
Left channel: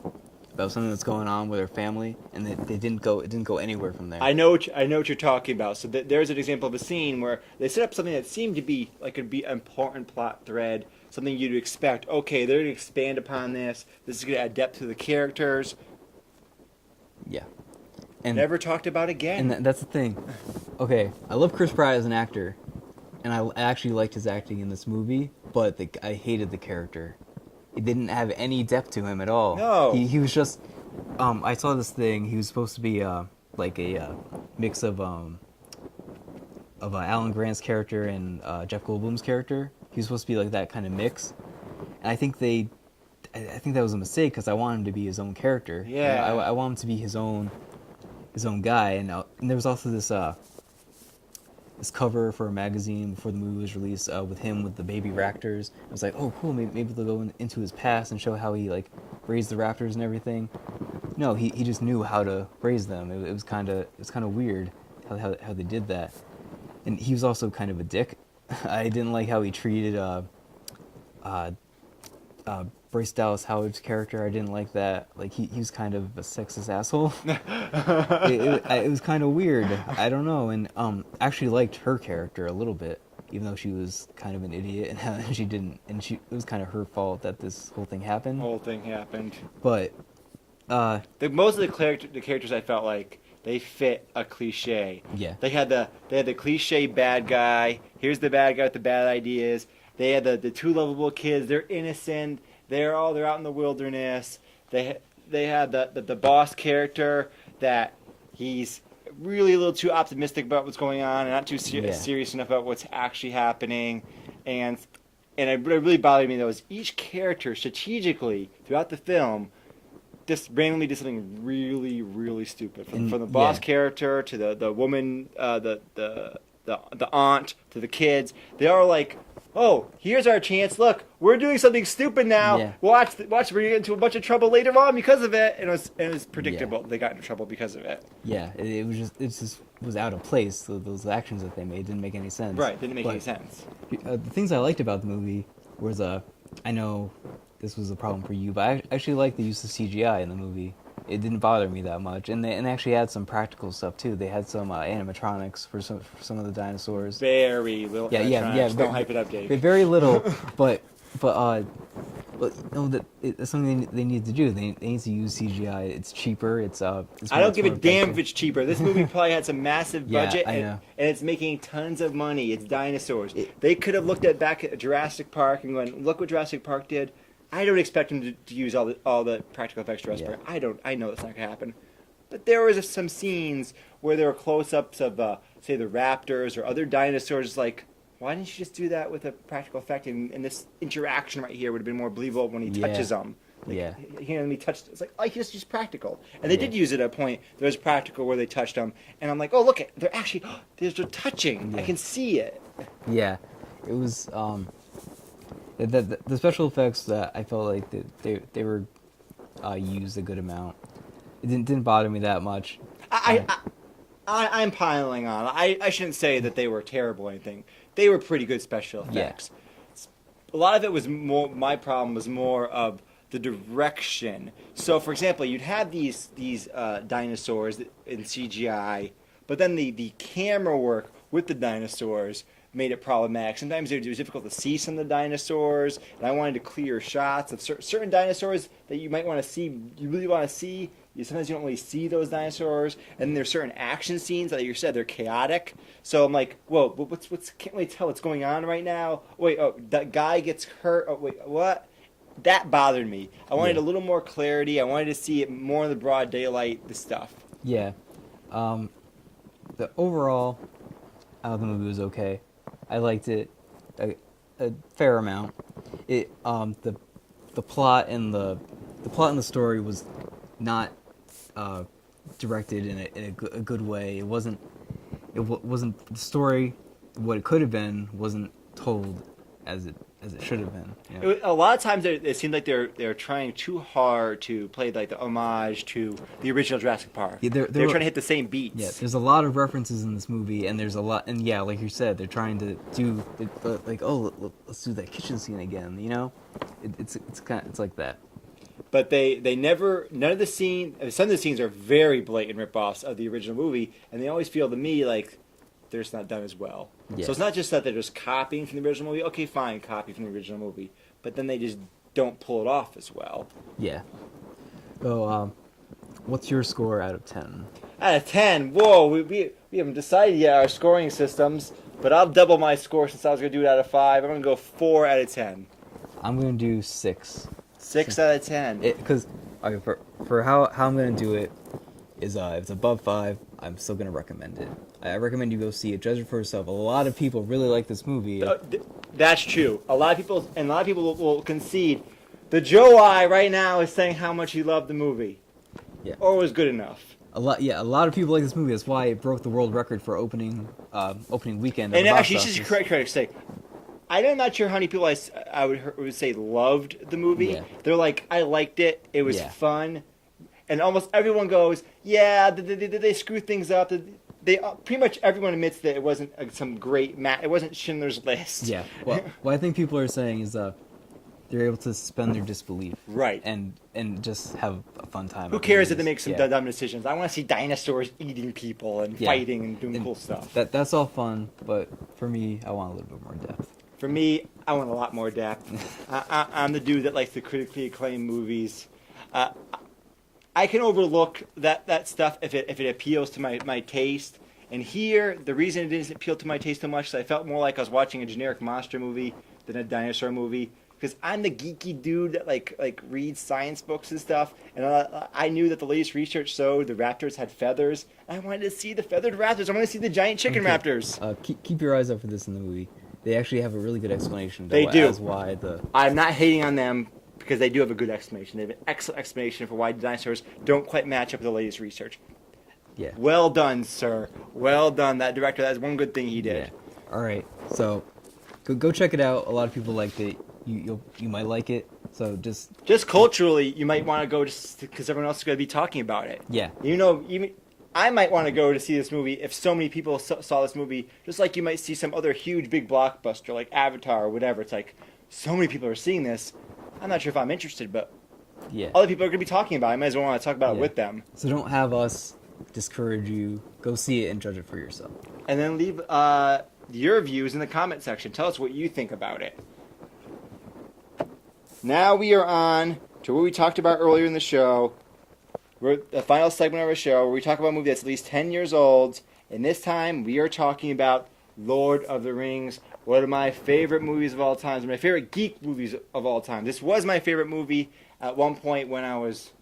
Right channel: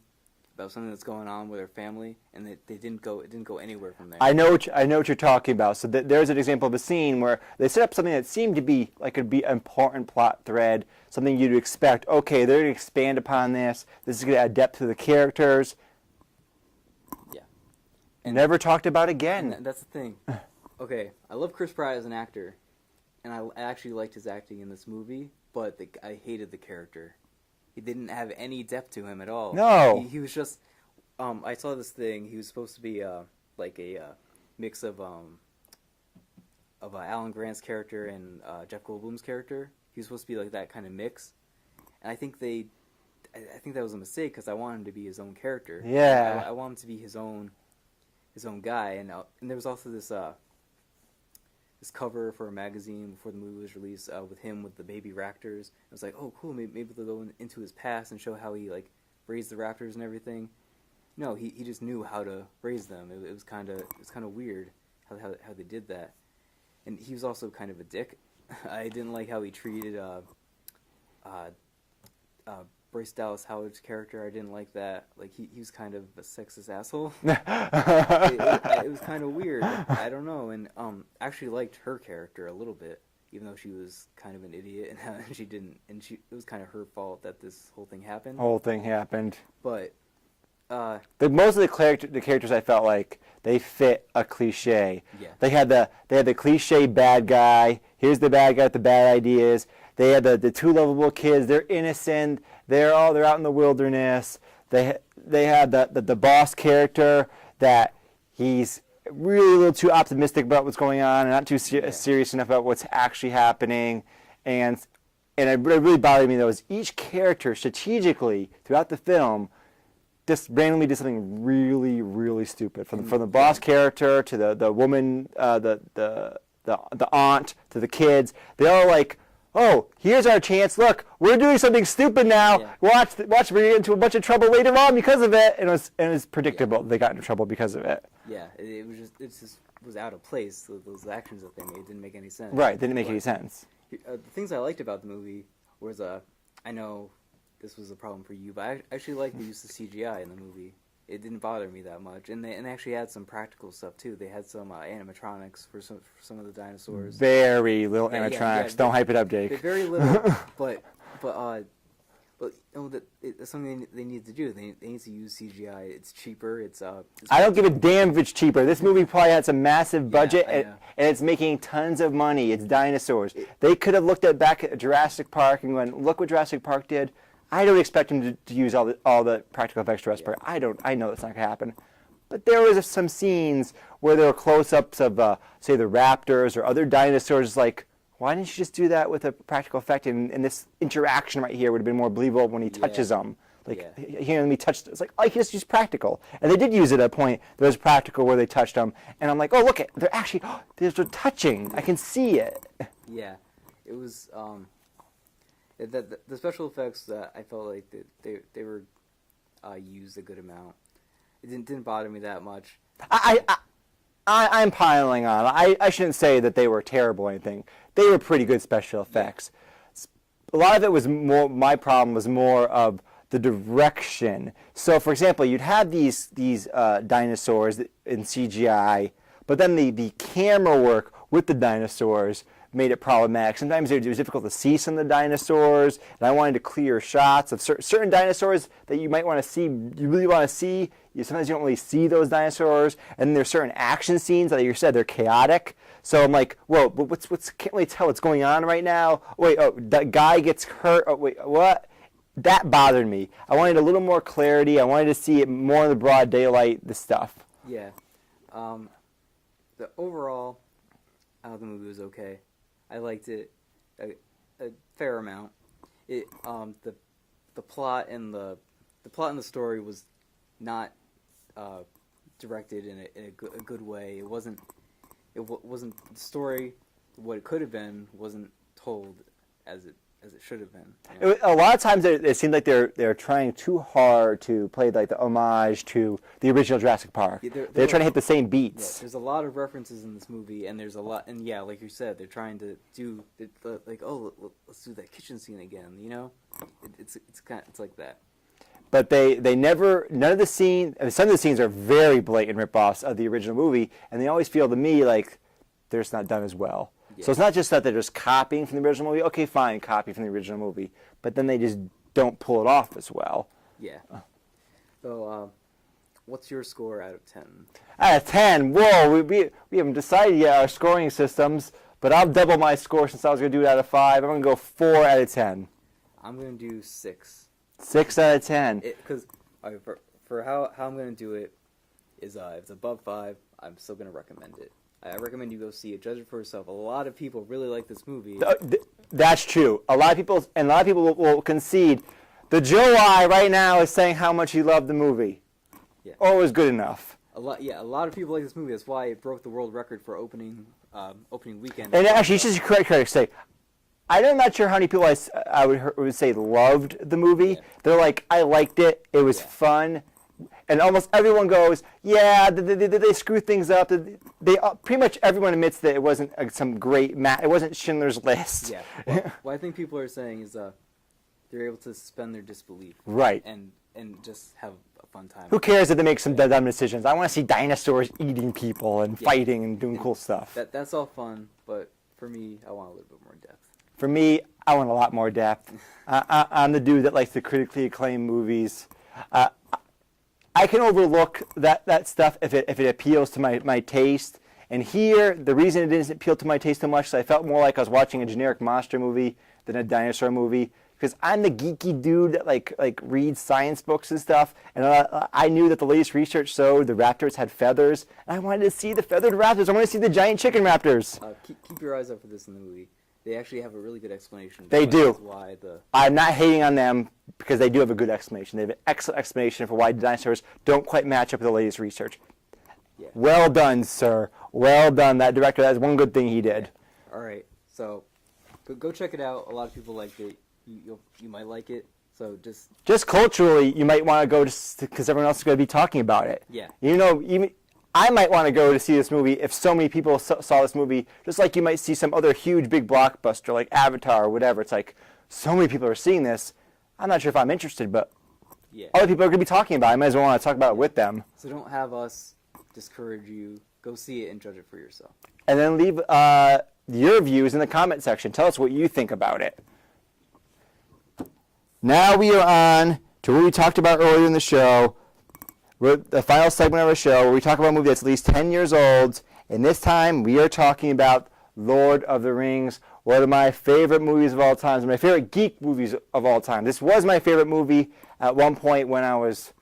about something that's going on with their family, and it didn't go anywhere from there. I know what you're talking about. So there's an example of a scene where they set up something that seemed to be like could be an important plot thread, something you'd expect. Okay, they're going to expand upon this. This is going to add depth to the characters. Yeah, and never talked about again. And that's the thing. Okay, I love Chris Pratt as an actor, and I actually liked his acting in this movie, but I hated the character. It didn't have any depth to him at all. No. He was just... I saw this thing. He was supposed to be like a mix of Alan Grant's character and Jeff Goldblum's character. He was supposed to be like that kind of mix. And I think that was a mistake because I want him to be his own character. Yeah. I want him to be his own guy. And there was also this cover for a magazine before the movie was released with him with the baby raptors. I was like, oh, cool, maybe they'll go into his past and show how he like raised the raptors and everything. No, he just knew how to raise them. It was kind of weird how they did that. And he was also kind of a dick. I didn't like how he treated Bryce Dallas Howard's character, I didn't like that. Like he was kind of a sexist asshole. It was kind of weird. I don't know, and actually liked her character a little bit, even though she was kind of an idiot and she didn't, and it was kind of her fault that this whole thing happened. But most of the characters I felt like they fit a cliche. Yeah. They had the cliche bad guy. Here's the bad guy with the bad ideas. They had the two lovable kids. They're innocent. They're out in the wilderness. They had the boss character that he's really a little too optimistic about what's going on and not too serious enough about what's actually happening. And it really bothered me though is each character strategically throughout the film just randomly did something really, really stupid. From the boss character to the woman, the aunt to the kids, they all like, oh, here's our chance. Look, we're doing something stupid now. Yeah. Watch, we're get into a bunch of trouble later on because of it. And it was predictable. They got into trouble because of it. Yeah, it just was out of place. Those actions that they made didn't make any sense. Right, didn't make any sense. The things I liked about the movie was I know this was a problem for you, but I actually liked the use of CGI in the movie. It didn't bother me that much, and they actually had some practical stuff too. They had some animatronics for some of the dinosaurs. Very little animatronics. Yeah, don't hype it up, Jake. Very little, but no, that's something they need to do. They need to use CGI. It's cheaper. I don't give a damn if it's cheaper. This movie probably had some massive budget, and it's making tons of money. It's dinosaurs. They could have looked back at Jurassic Park and gone, look what Jurassic Park did. I don't expect them to use all the practical effects Jurassic Park. I know that's not going to happen. But there was some scenes where there were close-ups of, say, the raptors or other dinosaurs. Like, why didn't you just do that with a practical effect? And this interaction right here would have been more believable when he touches them. Like, hearing me touch, it's like, oh, he just used practical. And they did use it at a point. There was practical where they touched them. And I'm like, oh, look, they're actually, they're touching. I can see it. Yeah. It was, the special effects that I felt like they were used a good amount. It didn't bother me that much. I'm piling on. I shouldn't say that they were terrible or anything. They were pretty good special effects. Yeah. A lot of it was more. My problem was more of the direction. So, for example, you'd have these dinosaurs in CGI, but then the camera work with the dinosaurs made it problematic. Sometimes it was difficult to see some of the dinosaurs, and I wanted to clear shots of certain dinosaurs that you might want to see, you really want to see. Sometimes you don't really see those dinosaurs, and then there's certain action scenes, like you said, they're chaotic. So I'm like, whoa, but can't really tell what's going on right now. Wait, oh, that guy gets hurt. Oh, wait, what? That bothered me. I wanted a little more clarity. I wanted to see it more in the broad daylight, the stuff. Yeah. The overall, the movie was okay. I liked it a fair amount. The plot and the story was not directed in a good way. It wasn't the story. What it could have been wasn't told as it should have been. You know? A lot of times it seemed like they're trying too hard to play like the homage to the original Jurassic Park. Yeah, they're trying to hit the same beats. Yeah, there's a lot of references in this movie, and there's a lot, and yeah, like you said, they're trying to do like, oh, let's do that kitchen scene again. You know, it's like that. But they never, none of the scenes, some of the scenes are very blatant ripoffs of the original movie, and they always feel to me like they're just not done as well. Yeah. So it's not just that they're just copying from the original movie. Okay, fine, copy from the original movie. But then they just don't pull it off as well. Yeah. So, what's your score out of 10? Out of 10? Whoa, we haven't decided yet our scoring systems, but I'll double my score since I was going to do it out of 5. I'm going to go 4 out of 10. I'm going to do 6. 6 out of 10. Because for how I'm going to do it is if it's above 5, I'm still going to recommend it. I recommend you go see it. Judge it for yourself. A lot of people really like this movie. That's true. A lot of people will concede. The Joe I right now is saying how much he loved the movie. Yeah. Or it was good enough. A lot of people like this movie. That's why it broke the world record for opening weekend. And actually, this is correct to say. I'm not sure how many people I would say loved the movie. Yeah. They're like, I liked it. It was fun. And almost everyone goes, yeah, did they screw things up? They pretty much everyone admits that it wasn't some great it wasn't Schindler's List. Yeah. Well, what I think people are saying is they're able to suspend their disbelief, Right. and just have a fun time. Who cares if they make some Yeah. dumb decisions? I want to see dinosaurs eating people and Yeah. fighting and doing cool stuff. That's all fun, but for me, I want a little bit more depth. For me, I want a lot more depth. I'm the dude that likes the critically acclaimed movies. I can overlook that stuff if it appeals to my taste. And here, the reason it didn't appeal to my taste so much is I felt more like I was watching a generic monster movie than a dinosaur movie. Because I'm the geeky dude that like reads science books and stuff, and I knew that the latest research showed the raptors had feathers, and I wanted to see the feathered raptors. I wanted to see the giant chicken raptors. Keep your eyes out for this in the movie. They actually have a really good explanation. They do. As why the I'm not hating on them because they do have a good explanation. They have an excellent explanation for why dinosaurs don't quite match up with the latest research. yeah. Well done, sir. Well done. That director, that's one good thing he did. Yeah. All right, so go check it out. A lot of people liked it. You might like it. So Just culturally, you might want to go because everyone else is going to be talking about it. Yeah. You know, even I might want to go to see this movie if so many people saw this movie, just like you might see some other huge big blockbuster like Avatar or whatever. It's like so many people are seeing this. I'm not sure if I'm interested, but yeah. other people are going to be talking about it. I might as well want to talk about it with them. So don't have us discourage you. Go see it and judge it for yourself. And then leave your views in the comment section. Tell us what you think about it. Now we are on to what we talked about earlier in the show, the final segment of our show, where we talk about a movie that's at least 10 years old. And this time we are talking about Lord of the Rings, one of my favorite movies of all time, my favorite geek movies of all time. This was my favorite movie at one point when I was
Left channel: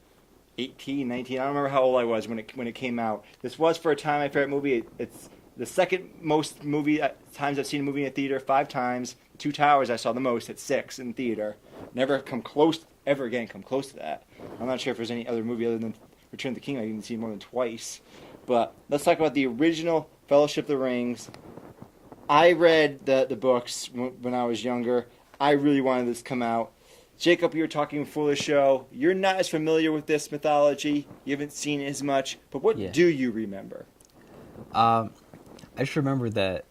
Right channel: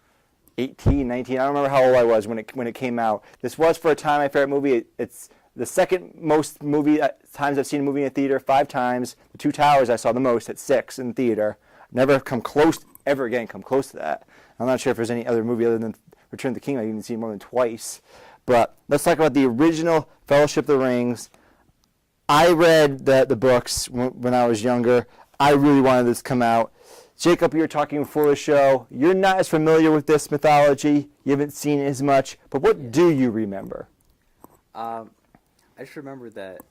18, 19. I don't remember how old I was when it came out. This was for a time my favorite movie. It's the second most times I've seen a movie in a theater, 5 times. The Two Towers I saw the most at 6 in theater. Never come close to that. I'm not sure if there's any other movie other than Return of the King I've even seen more than twice. But let's talk about the original Fellowship of the Rings. I read the books when I was younger. I really wanted this to come out. Jacob, you were talking before the show. You're not as familiar with this mythology. You haven't seen it as much. But what do you remember? I just remember that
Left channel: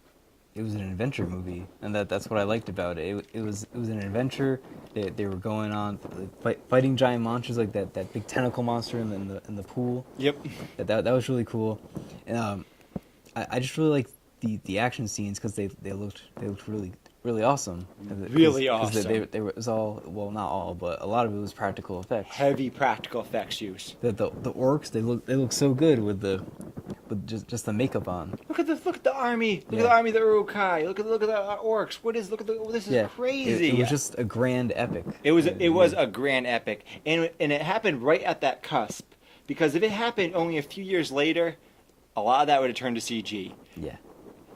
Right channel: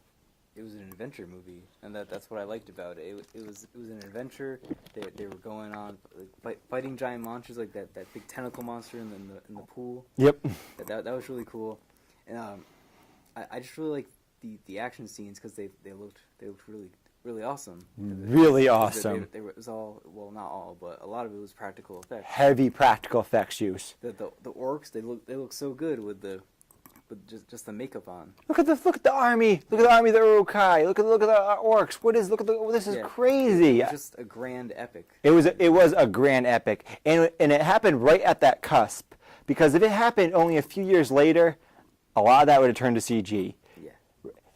it was an adventure movie, and that's what I liked about it. It was an adventure. They were going on fighting giant monsters like that big tentacle monster in the pool. Yep. That was really cool, and I just really liked the action scenes because they looked really awesome. Really awesome. They were, it was all, well, not all, but a lot of it was practical effects. Heavy practical effects use. The orcs, they look so good with just the makeup on. Look at the army. Look at the army of the Uruk-hai. Look at the orcs. This is crazy. It was just a grand epic. It was a grand epic, and it happened right at that cusp. Because if it happened only a few years later, a lot of that would have turned to CG. Yeah.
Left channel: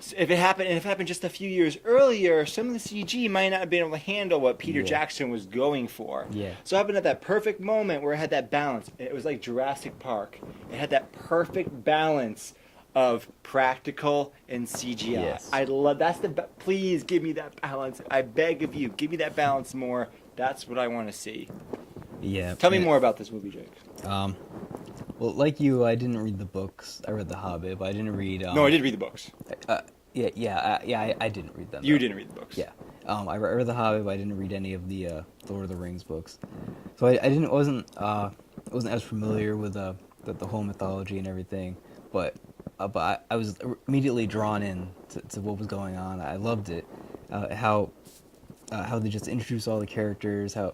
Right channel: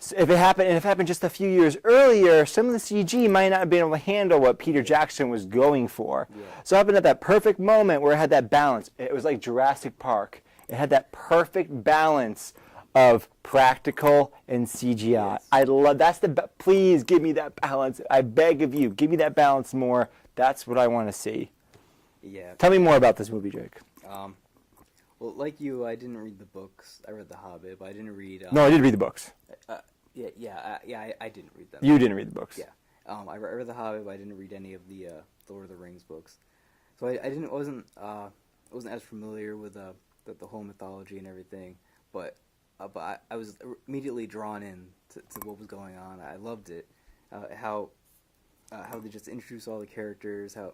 So if it happened just a few years earlier, some of the CG might not have been able to handle what Peter Jackson was going for. Yeah. So it happened at that perfect moment where it had that balance. It was like Jurassic Park. It had that perfect balance of practical and CGI. Yes. I love please give me that balance. I beg of you, give me that balance more. That's what I want to see. Yeah. Tell me more about this movie, Jake. Well, like you, I didn't read the books. I read The Hobbit, but I didn't read. No, I did read the books. I didn't read them. You didn't read the books. Yeah. I read The Hobbit, but I didn't read any of the Lord of the Rings books. So I wasn't as familiar with the whole mythology and everything. But I was immediately drawn in to what was going on. I loved it. How they just introduced all the characters. How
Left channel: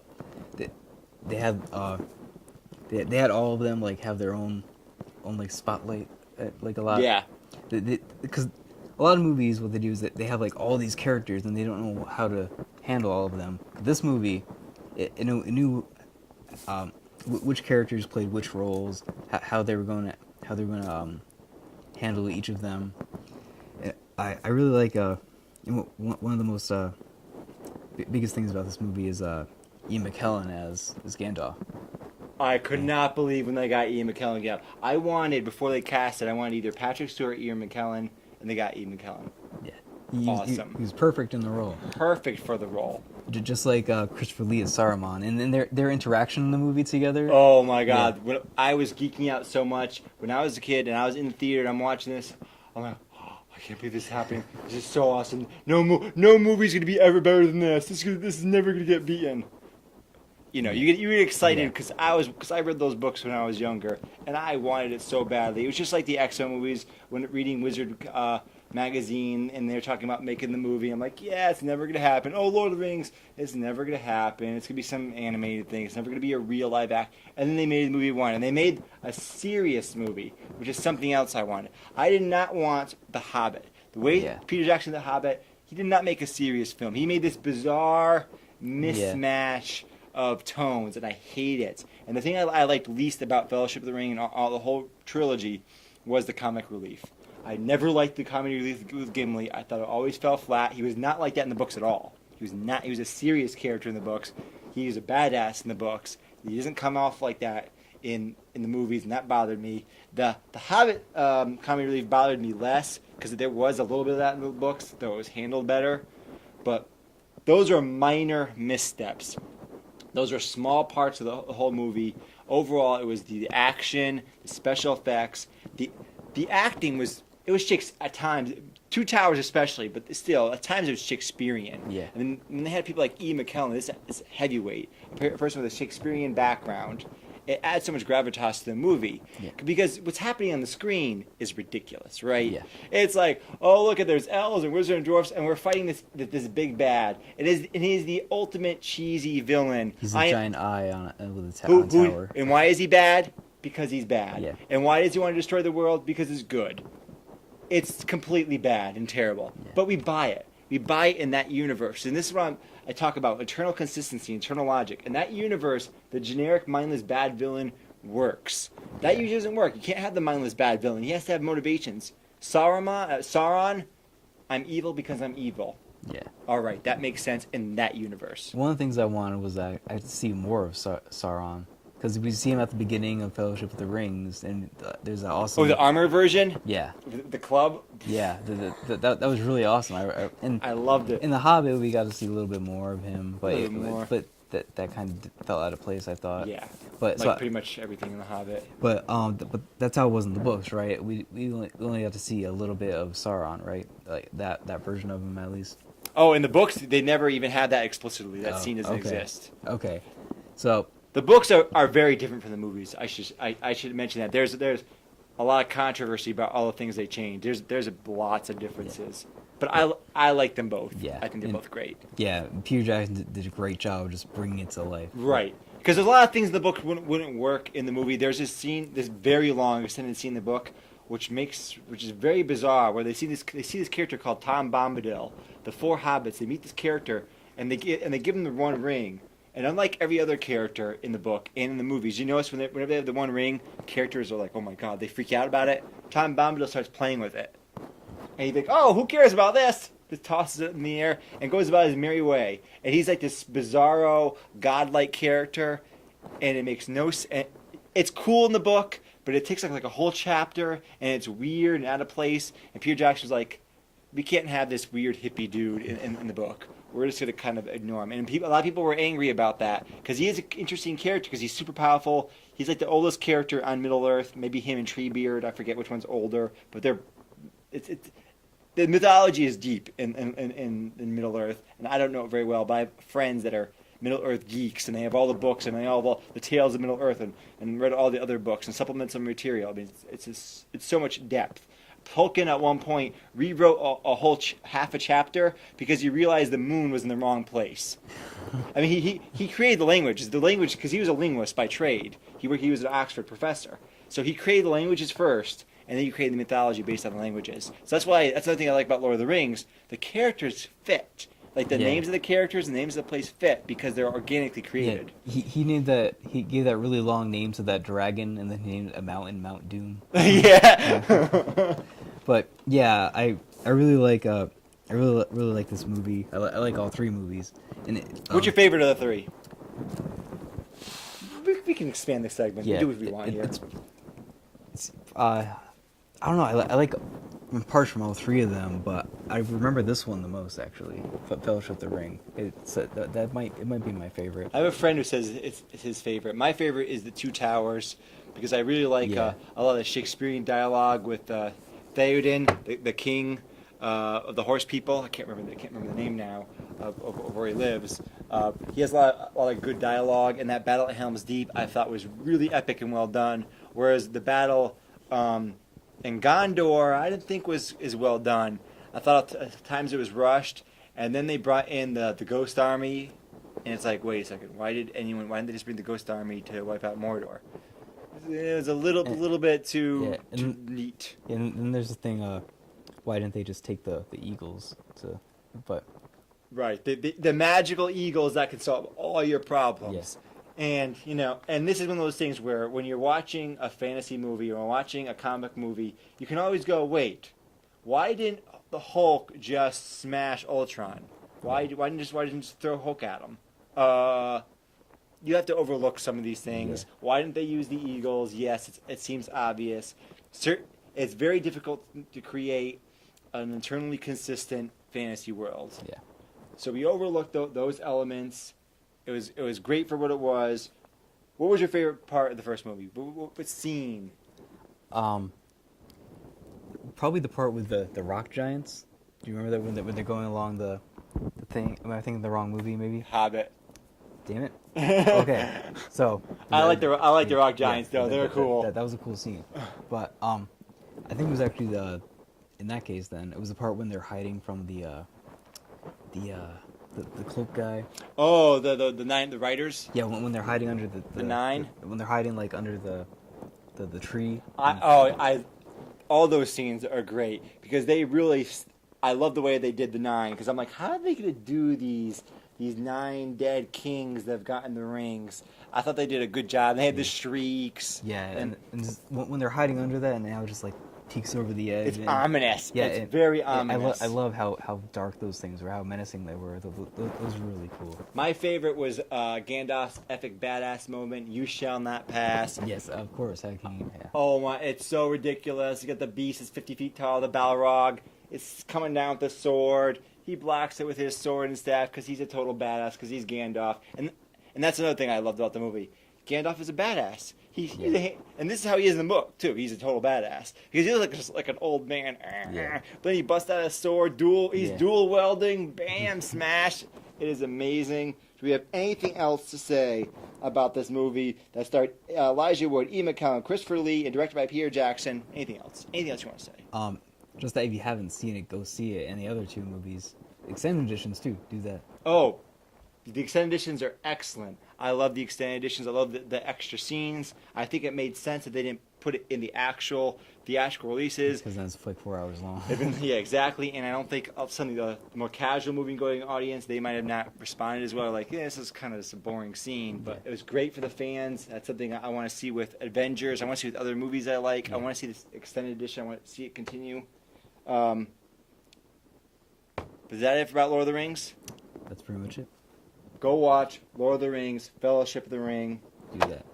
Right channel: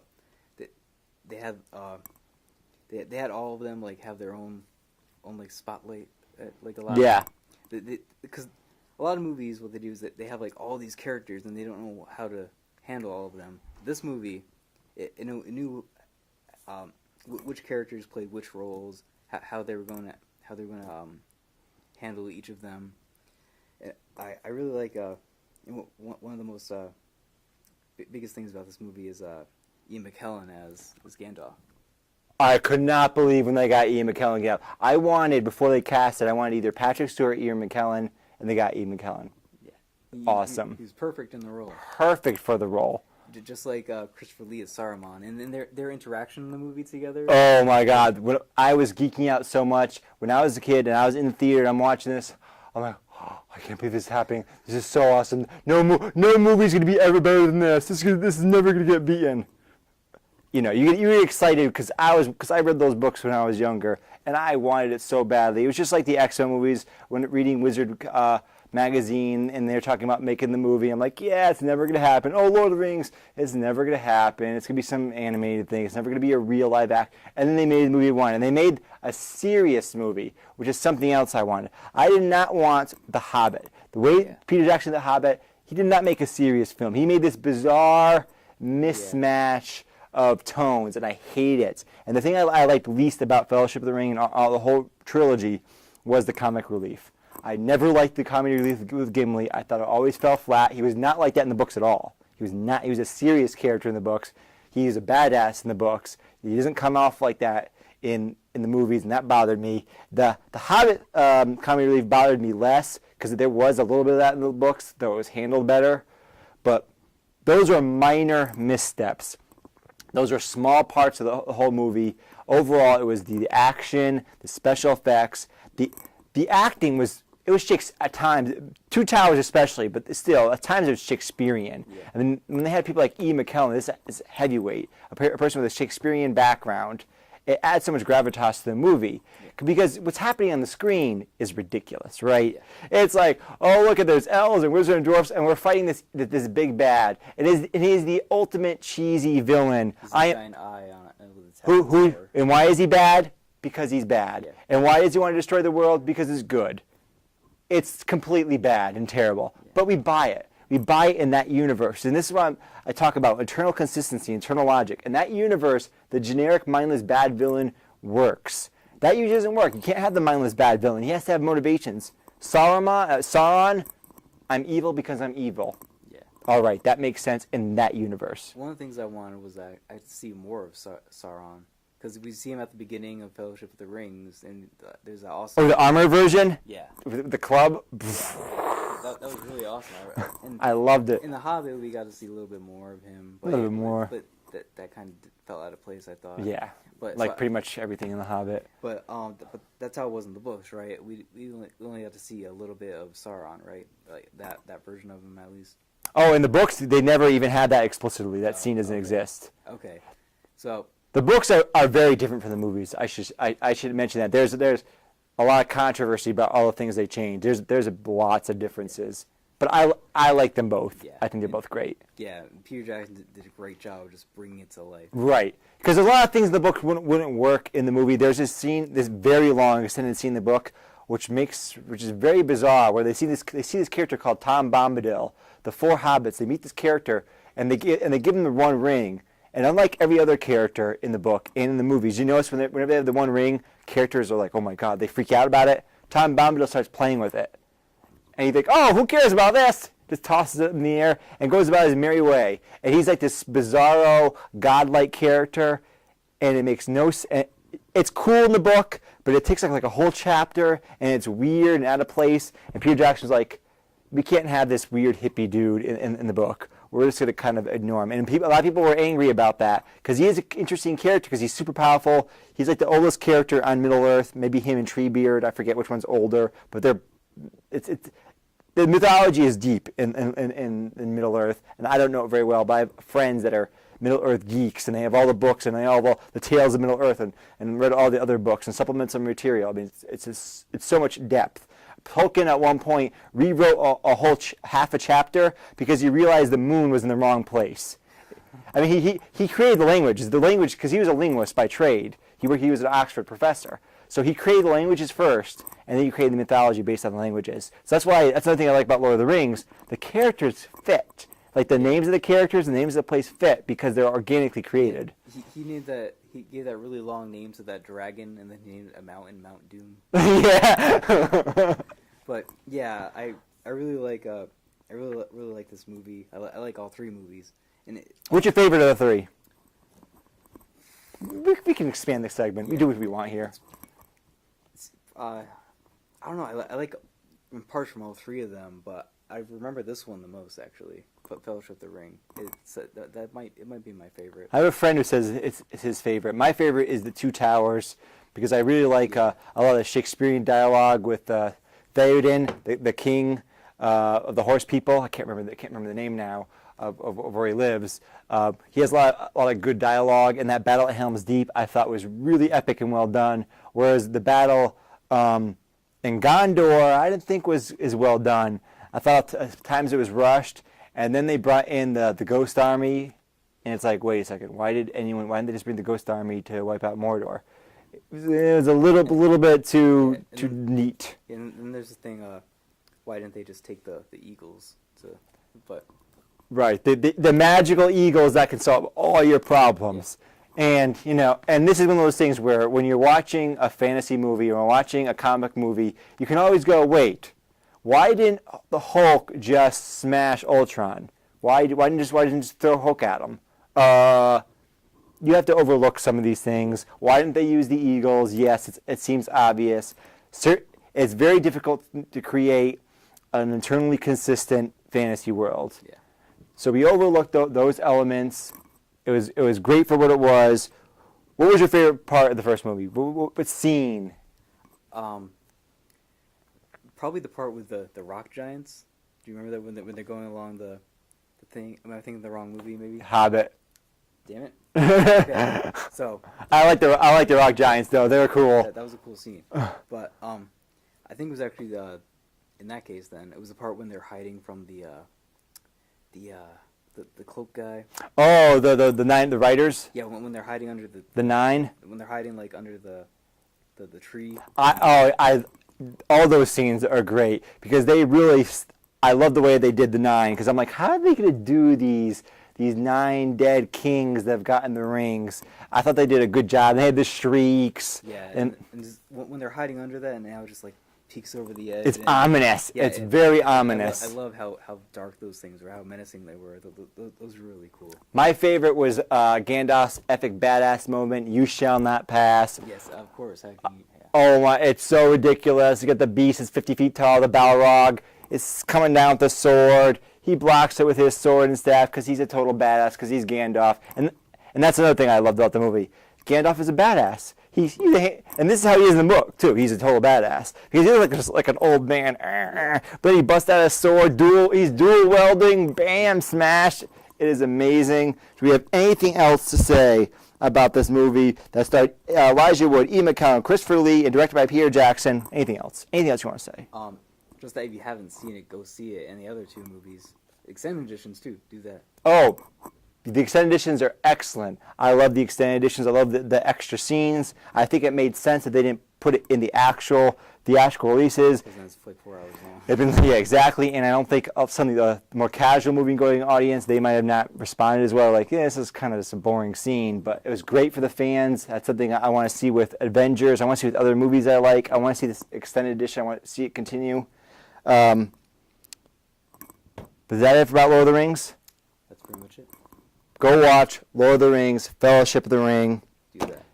they had all of them like have their own like spotlight, like a lot. Yeah. Because a lot of movies, what they do is that they have like all these characters and they don't know how to handle all of them. This movie, it knew which characters played which roles, how they were going to handle each of them. I really like one of the most biggest things about this movie is Ian McKellen as Gandalf. I could not believe when they got Ian McKellen out. I wanted, before they cast it, I wanted either Patrick Stewart or Ian McKellen, and they got Ian McKellen. Yeah. Awesome. He was perfect in the role. Perfect for the role. Just like Christopher Lee as Saruman, and then their interaction in the movie together. Oh my God! When I was geeking out so much when I was a kid and I was in the theater and I'm watching this. I'm like, oh, I can't believe this is happening. This is so awesome. No movie's gonna be ever better than this. This is never gonna get beaten. you know, you were excited because I read those books when I was younger, and I wanted it so badly. It was just like the X-Men movies when reading Wizard magazine, and they're talking about making the movie. I'm like, yeah, it's never gonna happen. Oh, Lord of the Rings, it's never gonna happen. It's gonna be some animated thing. It's never gonna be a real live act. And then they made the movie one, and they made a serious movie, which is something else I wanted. I did not want The Hobbit. The way Peter Jackson, The Hobbit, he did not make a serious film. He made this bizarre mismatch of tones, and I hate it. And the thing I liked least about Fellowship of the Ring and all the whole trilogy was the comic relief. I never liked the comic relief with Gimli. I thought it always fell flat. He was not like that in the books at all. He was not. He was a serious character in the books. He was a badass in the books. He doesn't come off like that in the movies, and that bothered me. The Hobbit comic relief bothered me less because there was a little bit of that in the books, though it was handled better. But those are minor missteps. Those are small parts of the whole movie. Overall, it was the action, the special effects, the acting was. It was at times, Two Towers especially, but still, at times it was Shakespearean. Yeah. And then when they had people like Ian McKellen, this heavyweight, a person with a Shakespearean background, it adds so much gravitas to the movie. Yeah. Because what's happening on the screen is ridiculous, right? Yeah. It's like, oh, look at those elves and wizards and dwarfs, and we're fighting this big bad. It is the ultimate cheesy villain. He's a giant eye with a tower. And why is he bad? Because he's bad. Yeah. And why does he want to destroy the world? Because it's good. It's completely bad and terrible. Yeah. But we buy it. We buy it in that universe. And this is what I talk about, eternal consistency, eternal logic. In that universe, the generic mindless bad villain works. That usually doesn't work. You can't have the mindless bad villain. He has to have motivations. Sauron, I'm evil because I'm evil. Yeah. All right, that makes sense in that universe. One of the things I wanted was that I had to see more of Sauron. Because we see him at the beginning of Fellowship of the Rings, and there's that awesome... Oh, the armor version? Yeah. The club? Yeah, that was really awesome. I loved it. In The Hobbit, we got to see a little bit more of him. But a little bit more. But that kind of fell out of place, I thought. Yeah, but like pretty much everything in The Hobbit. But that's how it was in the books, right? We only got to see a little bit of Sauron, right? Like that version of him, at least. Oh, in the books, they never even had that explicitly. That scene doesn't exist. Okay, so... The books are very different from the movies. I should mention that. There's a lot of controversy about all the things they changed. There's lots of differences. Yeah. But I like them both. Yeah. I think they're both great. Yeah, Peter Jackson did a great job of just bringing it to life. Right. Because there's a lot of things in the book wouldn't work in the movie. There's this scene, this very long extended scene in the book, which is very bizarre, where they see this character called Tom Bombadil. The four hobbits, they meet this character, and they give him the one ring. And unlike every other character in the book and in the movies, you notice whenever they have the one ring, characters are like, oh my god, they freak out about it. Tom Bombadil starts playing with it. And you think, oh, who cares about this? Just tosses it in the air and goes about his merry way. And he's like this bizarro, godlike character, and it makes no sense. It's cool in the book, but it takes like a whole chapter, and it's weird and out of place. And Peter Jackson's like, we can't have this weird hippie dude in the book. We're just going to kind of ignore him. And a lot of people were angry about that because he is an interesting character because he's super powerful. He's like the oldest character on Middle-earth, maybe him and Treebeard. I forget which one's older. But the mythology is deep in Middle-earth, and I don't know it very well, but I have friends that are Middle-earth geeks, and they have all the books, and they have all the tales of Middle-earth, and read all the other books and supplements of material. I mean, it's so much depth. Tolkien at one point rewrote a whole half a chapter because he realized the moon was in the wrong place. I mean, he created the language because he was a linguist by trade. He was an Oxford professor, so he created the languages first, and then he created the mythology based on the languages. So that's another thing I like about Lord of the Rings. The characters fit, like the names of the characters and the names of the place fit because they're organically created. Yeah. He gave that really long name to that dragon, and then he named a mountain Mount Doom. Yeah. But yeah, I really like this movie. I like all three movies. And what's your favorite of the three? We can expand this segment. Yeah, we do what we want here. I don't know. I like parts from all three of them, but I remember this one the most actually. Fellowship of the Ring. It might be my favorite. I have a friend who says it's his favorite. My favorite is the Two Towers because I really like a lot of the Shakespearean dialogue with Theoden, the king of the horse people. I can't remember the name now. of where he lives. He has a lot of good dialogue, and that battle at Helm's Deep I thought was really epic and well done. Whereas the battle in Gondor I didn't think was as well done. I thought at times it was rushed, and then they brought in the Ghost Army, and it's like, wait a second, why didn't they just bring the Ghost Army to wipe out Mordor? It was a little bit too neat. And there's the thing, why didn't they just take the eagles but right, the magical eagles that can solve all your problems. And and this is one of those things where when you're watching a fantasy movie or watching a comic movie, you can always go, wait, why didn't the Hulk just smash Ultron? Why didn't just throw Hulk at him? You have to overlook some of these things. Why didn't they use the eagles? Yes, it seems obvious. It's very difficult to create an internally consistent fantasy world. Yeah. So we overlooked those elements. It was great for what it was. What was your favorite part of the first movie? What scene? Probably the part with the rock giants. Do you remember that when they're going along the thing? Am I thinking the wrong movie? Maybe. Hobbit. Damn it. Okay. So I like the rock giants though. They were cool. that was a cool scene. But I think it was actually in that case then it was the part when they're hiding from the cloak guy. Oh, the writers. Yeah, when they're hiding under the nine. When they're hiding like under the tree. All those scenes are great because they really. I love the way they did the nine because I'm like, how are they gonna do these 9 dead kings that have gotten the rings? I thought they did a good job. They had the shrieks. Yeah, and just, when they're hiding under that, and now it just like peeks over the edge. It's ominous. Yeah, it's very ominous. I love how dark those things were, how menacing they were. Those were really cool. My favorite was Gandalf's epic badass moment. You shall not pass. Yes, of course. How can you? Yeah. Oh my! It's so ridiculous. You got the beast. It's 50 feet tall. The Balrog. It's coming down with the sword. He blocks it with his sword and staff because he's a total badass because he's Gandalf. And that's another thing I loved about the movie. Gandalf is a badass. And this is how he is in the book, too. He's a total badass. Because he's like an old man. But he busts out a sword. He's dual welding. Bam, smash. It is amazing. Do we have anything else to say about this movie that starred Elijah Wood, Ian McKellen, Christopher Lee, and directed by Peter Jackson? Anything else? Anything else you want to say? Just that if you haven't seen it, go see it. And the other 2 movies, extended editions too, do that. Oh, the extended editions are excellent. I love the extended editions. I love the extra scenes. I think it made sense that they didn't put it in the actual theatrical releases. Because that's like 4 hours long. Yeah, exactly. And I don't think of some of the more casual movie-going audience, they might have not responded as well. Like, this is kind of just a boring scene. But it was great for the fans. That's something I want to see with Avengers. I want to see with other movies I like. I want to see this extended edition. I want to see it continue. Is that it about Lord of the Rings? That's pretty much it. Go watch Lord of the Rings, Fellowship of the Ring. Do that.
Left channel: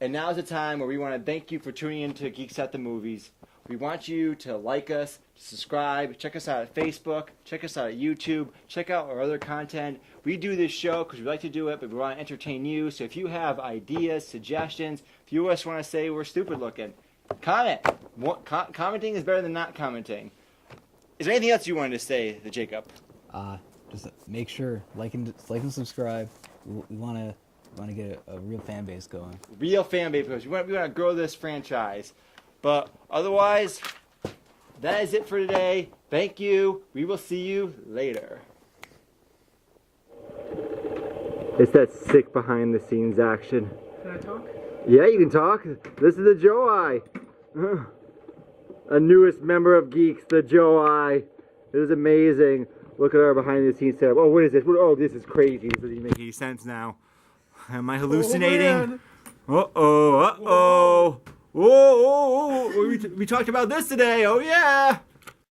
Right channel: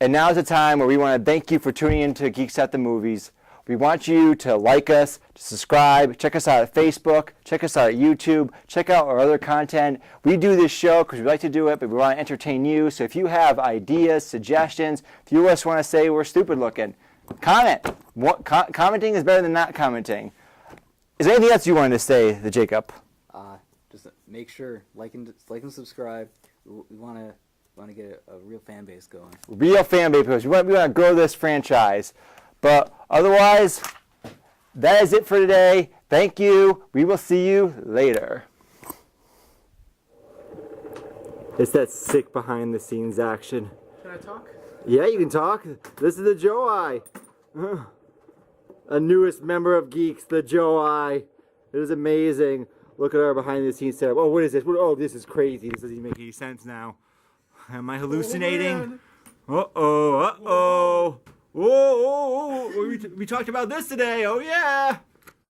And now is the time where we want to thank you for tuning in to Geeks at the Movies. We want you to like us, to subscribe, check us out at Facebook, check us out at YouTube, check out our other content. We do this show because we like to do it, but we want to entertain you. So if you have ideas, suggestions, if you just want to say we're stupid looking, comment. Commenting is better than not commenting. Is there anything else you wanted to say, Jacob? Just make sure like and subscribe. We want to get a real fan base going. Real fan base because we want to grow this franchise. But otherwise, that is it for today. Thank you. We will see you later. It's that sick behind the scenes action. Can I talk? Yeah, you can talk. This is the Joe Eye. A newest member of Geeks, the Joe Eye. It is amazing. Look at our behind the scenes setup. Oh, what is this? Oh, this is crazy. This doesn't even make any sense now. Am I hallucinating? Uh-oh, uh-oh. Whoa, we talked about this today. Oh, yeah.